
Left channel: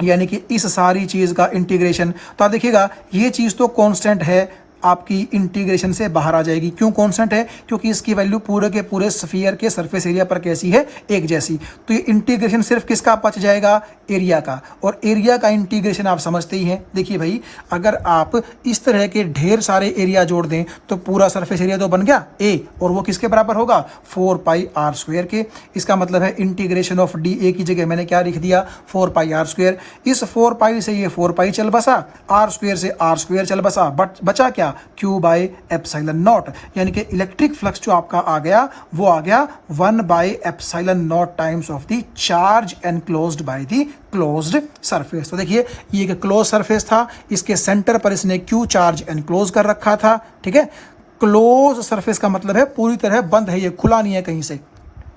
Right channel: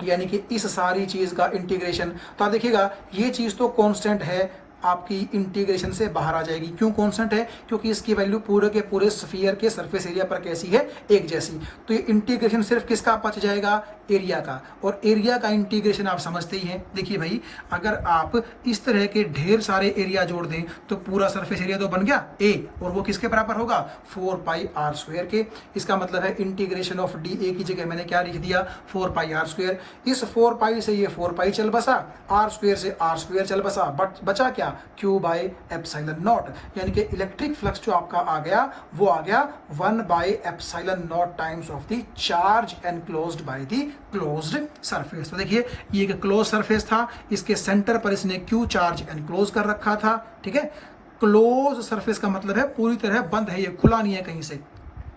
यानी कि इस सारी चीज का इंटीग्रेशन। तो आप देखिएगा, ये चीज तो कांस्टेंट है, आपकी इंटीग्रेशन से बाहर आ जाएगी। क्यों कांस्टेंट है, क्योंकि इसकी वैल्यू पूरे के पूरे स्फीयर के सरफेस एरिया पर कैसी है, एक जैसी। तो ये इंटीग्रेशन सिर्फ किसका बच जाएगा, एरिया का, और एरिया का इंटीग्रेशन आप समझते ही हैं। देखिए भाई, अगर आप इस तरह के ढेर सारे एरिया जोड़ दें तो पूरा सरफेस एरिया तो बन गया ए, और वो किसके बराबर होगा, 4 पाई आर स्क्वायर के। इसका मतलब है इंटीग्रेशन ऑफ डी ए की जगह मैंने क्या लिख दिया, 4 पाई आर स्क्वायर। इस 4 पाई से ये 4 पाई चल बसा, आर स्क्वायर से आर स्क्वायर चल बसा, बट बचा क्या, Q बाई एप्सिलॉन नॉट, यानी कि इलेक्ट्रिक फ्लक्स जो आपका आ गया वो आ गया 1 by epsilon not times of the charge enclosed by the closed surface. तो देखिए, ये एक क्लोज सरफेस था, इसके सेंटर पर इसने Q चार्ज एनक्लोज कर रखा था, ठीक है। क्लोज सरफेस का मतलब है पूरी तरह बंद है, ये खुला नहीं है कहीं से,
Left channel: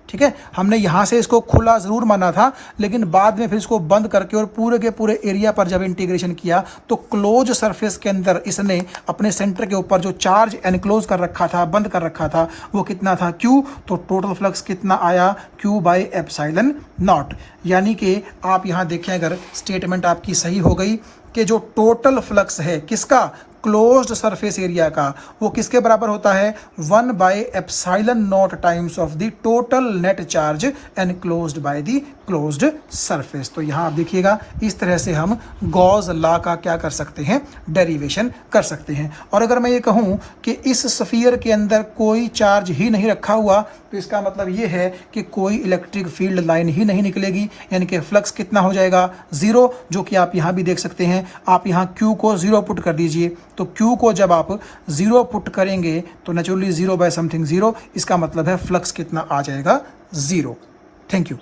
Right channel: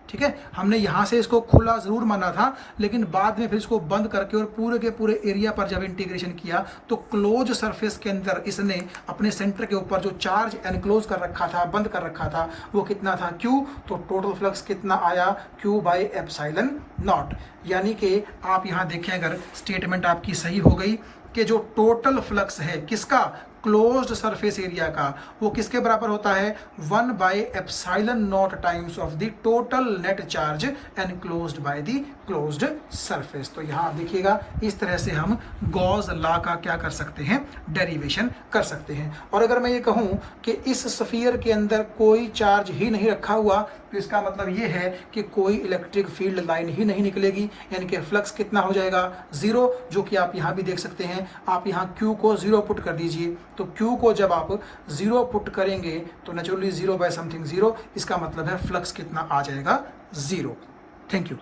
ठीक है। हमने यहाँ से इसको खुला ज़रूर माना था, लेकिन बाद में फिर इसको बंद करके और पूरे के पूरे एरिया पर जब इंटीग्रेशन किया तो क्लोज सरफेस के अंदर इसने अपने सेंटर के ऊपर जो चार्ज एनक्लोज कर रखा था, बंद कर रखा था, वो कितना था, Q। तो टोटल फ्लक्स कितना आया, Q बाई एप्सिलॉन नॉट। यानी कि आप यहाँ देखें, अगर स्टेटमेंट आपकी सही हो गई कि जो टोटल फ्लक्स है किसका, क्लोज्ड सरफेस एरिया का, वो किसके बराबर होता है, 1 by epsilon not times of the total net charge enclosed by the closed surface. तो यहाँ आप देखिएगा, इस तरह से हम गॉस लॉ का क्या कर सकते हैं, डेरिवेशन कर सकते हैं। और अगर मैं ये कहूँ कि इस स्फीयर के अंदर कोई चार्ज ही नहीं रखा हुआ, तो इसका मतलब ये है कि कोई इलेक्ट्रिक फील्ड लाइन ही नहीं निकलेगी, यानी कि फ्लक्स कितना हो जाएगा, 0, जो कि आप यहाँ भी देख सकते हैं। आप यहाँ Q को 0 पुट कर दीजिए, तो Q को जब आप 0 पुट करेंगे तो नेचुरली 0 बाय समथिंग 0, इसका मतलब है फ्लक्स कितना आ जाएगा, 0। Thank you.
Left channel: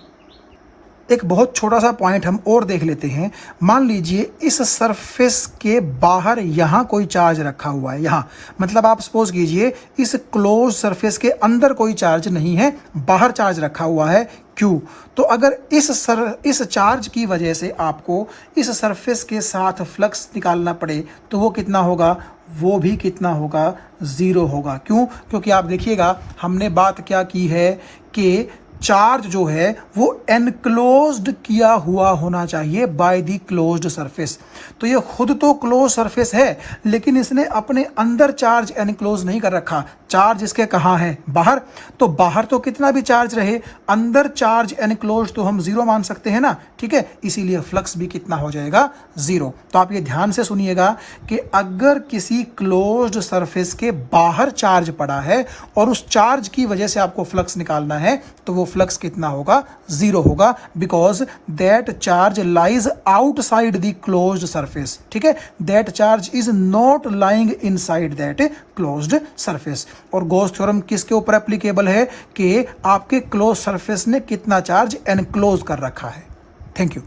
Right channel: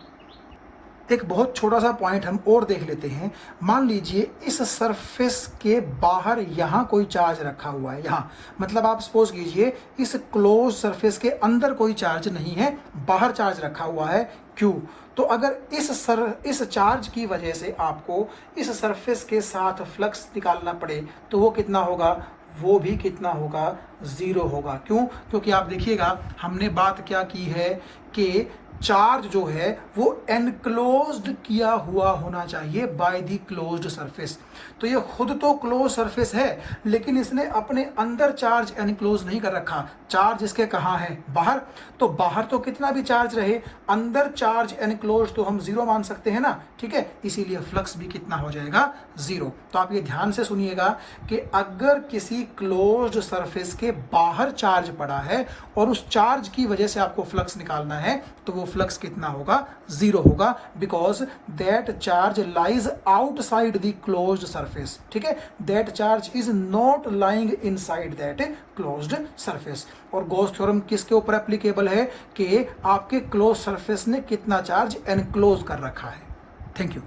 एक बहुत छोटा सा पॉइंट हम और देख लेते हैं। मान लीजिए इस सरफेस के बाहर यहाँ कोई चार्ज रखा हुआ है, यहाँ मतलब आप सपोज कीजिए इस क्लोज सरफेस के अंदर कोई चार्ज नहीं है, बाहर चार्ज रखा हुआ है Q। तो अगर इस चार्ज की वजह से आपको इस सरफेस के साथ फ्लक्स निकालना पड़े तो वो कितना होगा, वो भी कितना होगा, 0 होगा। क्यों, क्योंकि आप देखिएगा, हमने बात क्या की है कि चार्ज जो है वो एनक्लोज्ड किया हुआ होना चाहिए बाय द क्लोज्ड सरफेस। तो ये खुद तो क्लोज सरफेस है, लेकिन इसने अपने अंदर चार्ज एनक्लोज नहीं कर रखा। चार्ज इसके कहाँ है, बाहर। तो बाहर तो कितना भी चार्ज रहे, अंदर चार्ज एनक्लोज तो हम 0 मान सकते हैं ना, ठीक है। इसीलिए फ्लक्स भी कितना हो जाएगा, 0। तो आप ये ध्यान से सुनिएगा कि अगर किसी क्लोज्ड सरफेस के बाहर चार्ज पड़ा है और उस चार्ज की वजह से आपको फ्लक्स निकालना है, तो वो फ्लक्स कितना होगा, 0 होगा, because that charge lies outside the closed surface, ठीक है। That charge is not lying inside that closed surface. और गॉस थ्योरम किसके ऊपर एप्लीकेबल है कि आपके क्लोज सरफेस ने कितना चार्ज एनक्लोज कर रखा है। Thank you.